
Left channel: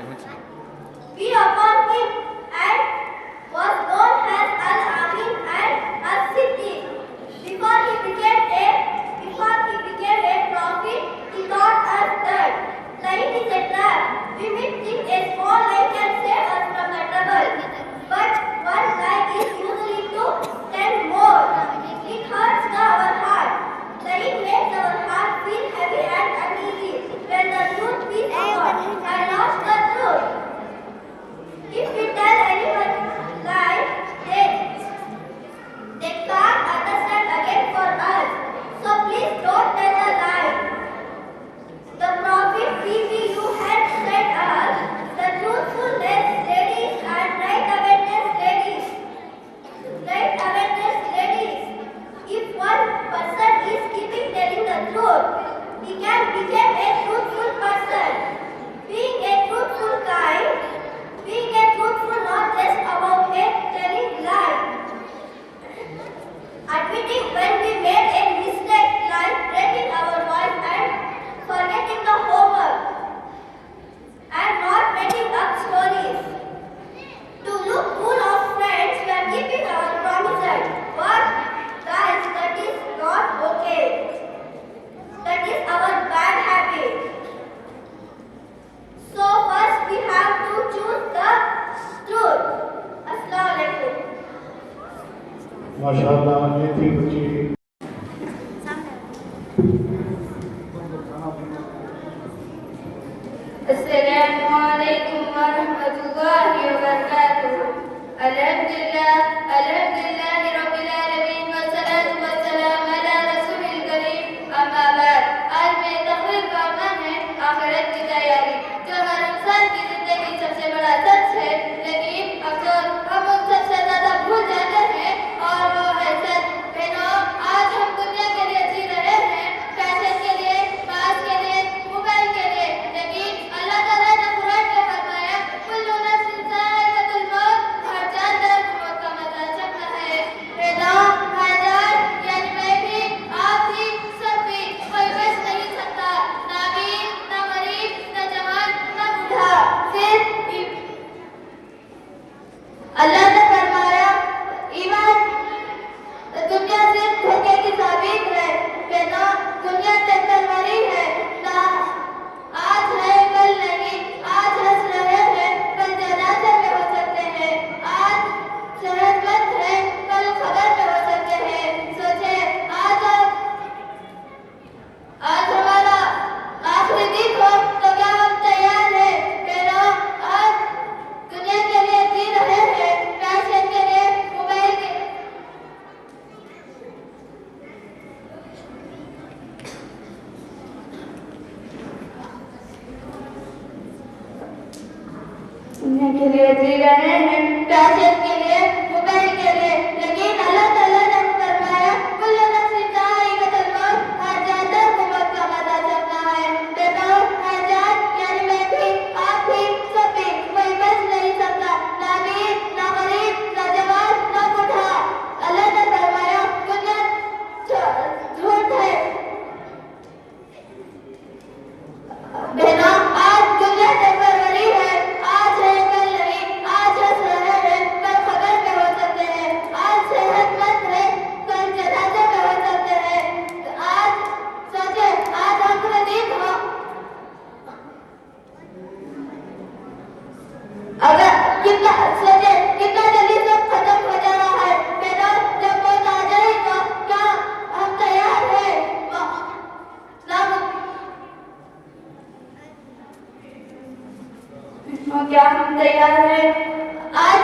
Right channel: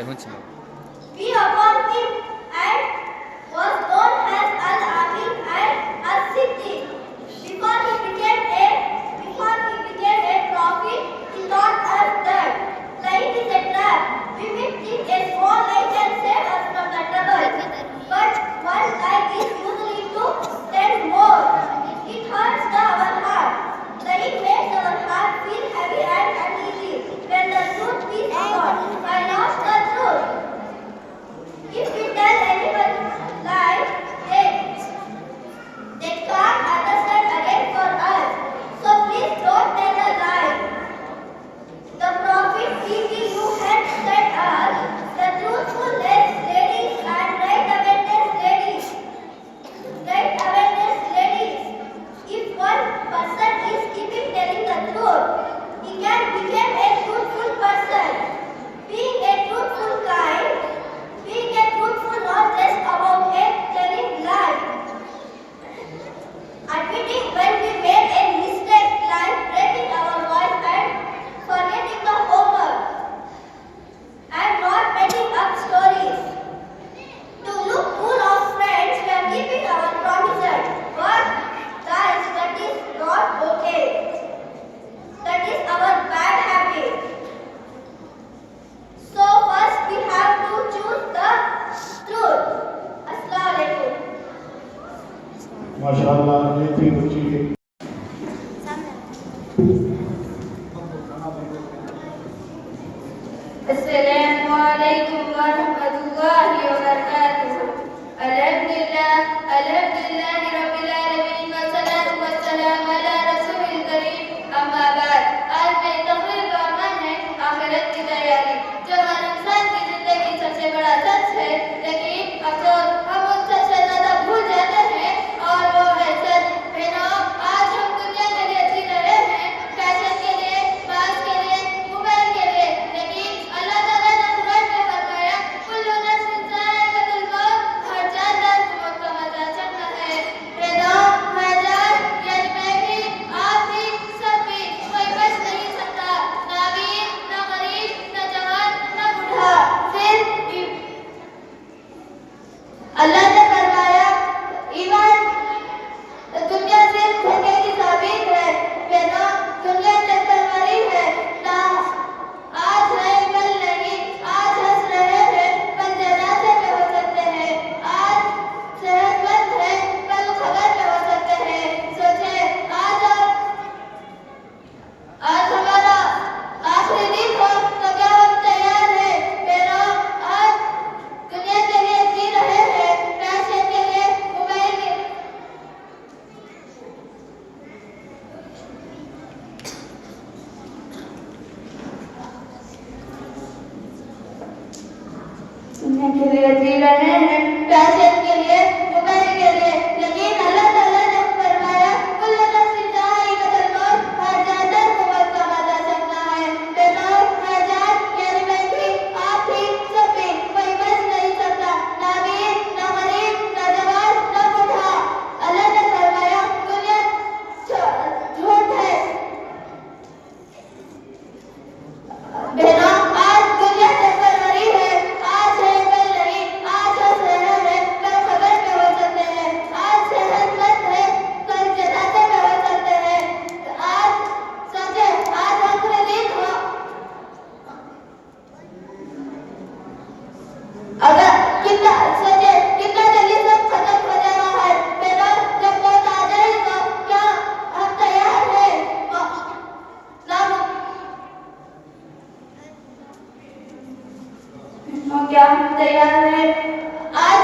be upon him and was known as Al-Amin and As-Siddiq. Before he became a prophet, he taught us that lying is a trap. We may think a small lie can save us from the trouble, but one lie is usually to 10 more. It hurts our heart. Lying makes our heart feel heavy and uneasy. When the truth is gone, I lost the truth. If we tell anyone lie, they can't understand again for us. So please don't tell a lie. The Prophet PBU had said us, the truthful ladies and right awareness ladies. If one person is keeping telling the truth, he can become a truthful person. Being a truthful not just about telling lies. Admitting when we made a mistake, like breaking our voice and forgetting the homework, and not making up stories. To look cool of friends, we are keeping our promises. But guys, that is not okay. That is our bad habit. So first we have to choose the truth. Assalamu alaikum. माशाअल्लाह ये थी बच्ची अस्सलामु अलैकुम व रहमतुल्लाहि व बरकातुहू। अल्हम्दुलिल्लाहि रब्बिल आलमीन व सलातु व सलाम अला रसूलिल करीम। अम्मा बाद, आज मेरी तकरीर का अमल है आखिरत की तैयारी, जो हर इंसान की जिंदगी सबसे बड़ा सच है। लेकिन अफसोस हम उन सबसे ज्यादा भूल जाते हैं, और वो है सच। बहनों, आज हम दुनिया के लिए जी रहे हैं, फैशन के लिए, पास के लिए, मोबाइल के लिए। लेकिन अल्लाह ताला ने कुरान में फरमाया, कुल्लु नफ्सिन ज़ाइक़ातुल मौत, हर जानदार को मौत का मजा चखना है। बहनों, हर जान यानी मैं भी, आप भी, सब भी, कोई बच नहीं सकता। ना अमीर, ना गरीब, ना जवान, ना बूढ़ा, सिर्फ अल्लाह ने फरमाया, ईमान दुनिया सिर्फ धोखे की साबित है। बहनों, दुनिया टेम्पररी है, ना आज है कल नहीं। आज हंस रहे हैं, कल जनाजे में हो सकते हैं। आज सेहतमंद है, कल खबर में हो सकते हैं। सोचे, आज हमारा आखिरी दिन हो तो क्या हम तैयार हैं? बहनों, आज दुनिया के लिए जी रहे हैं, फैशन के लिए, मोबाइल के दुनिया के लिए जी रहे हैं, फैशन के लिए, मोबाइल के लिए। लेकिन अल्लाह ताला ने फरमाया, कुल्लु नफ्सिन ज़ाइक़ातुल मौत, हर जानदार को मौत का मजा चखना है। बहनों, हर जान यानी मैं भी, आप भी, सब भी, कोई बच नहीं सकता। ना अमीर, ना गरीब, ना जवान, ना बूढ़ा। अल्लाह ने फरमाया, दुनिया झूठ है। बहनों, आज दुनिया टेम्पररी है, आज है कल नहीं। आज हंस रहे हैं, कल खबर में हो सकते हैं। आज सेहतमंद है, कल जनाजे में हो सकते हैं। आज सोचे, आज आखिरी दिन हो। अगर कितना सोचे, कितना जल्दी सब खत्म हो जाना है। बहनों, जब मौत आ जाए तो क्या हम तैयार हैं? क्या हम तैयार हैं? आज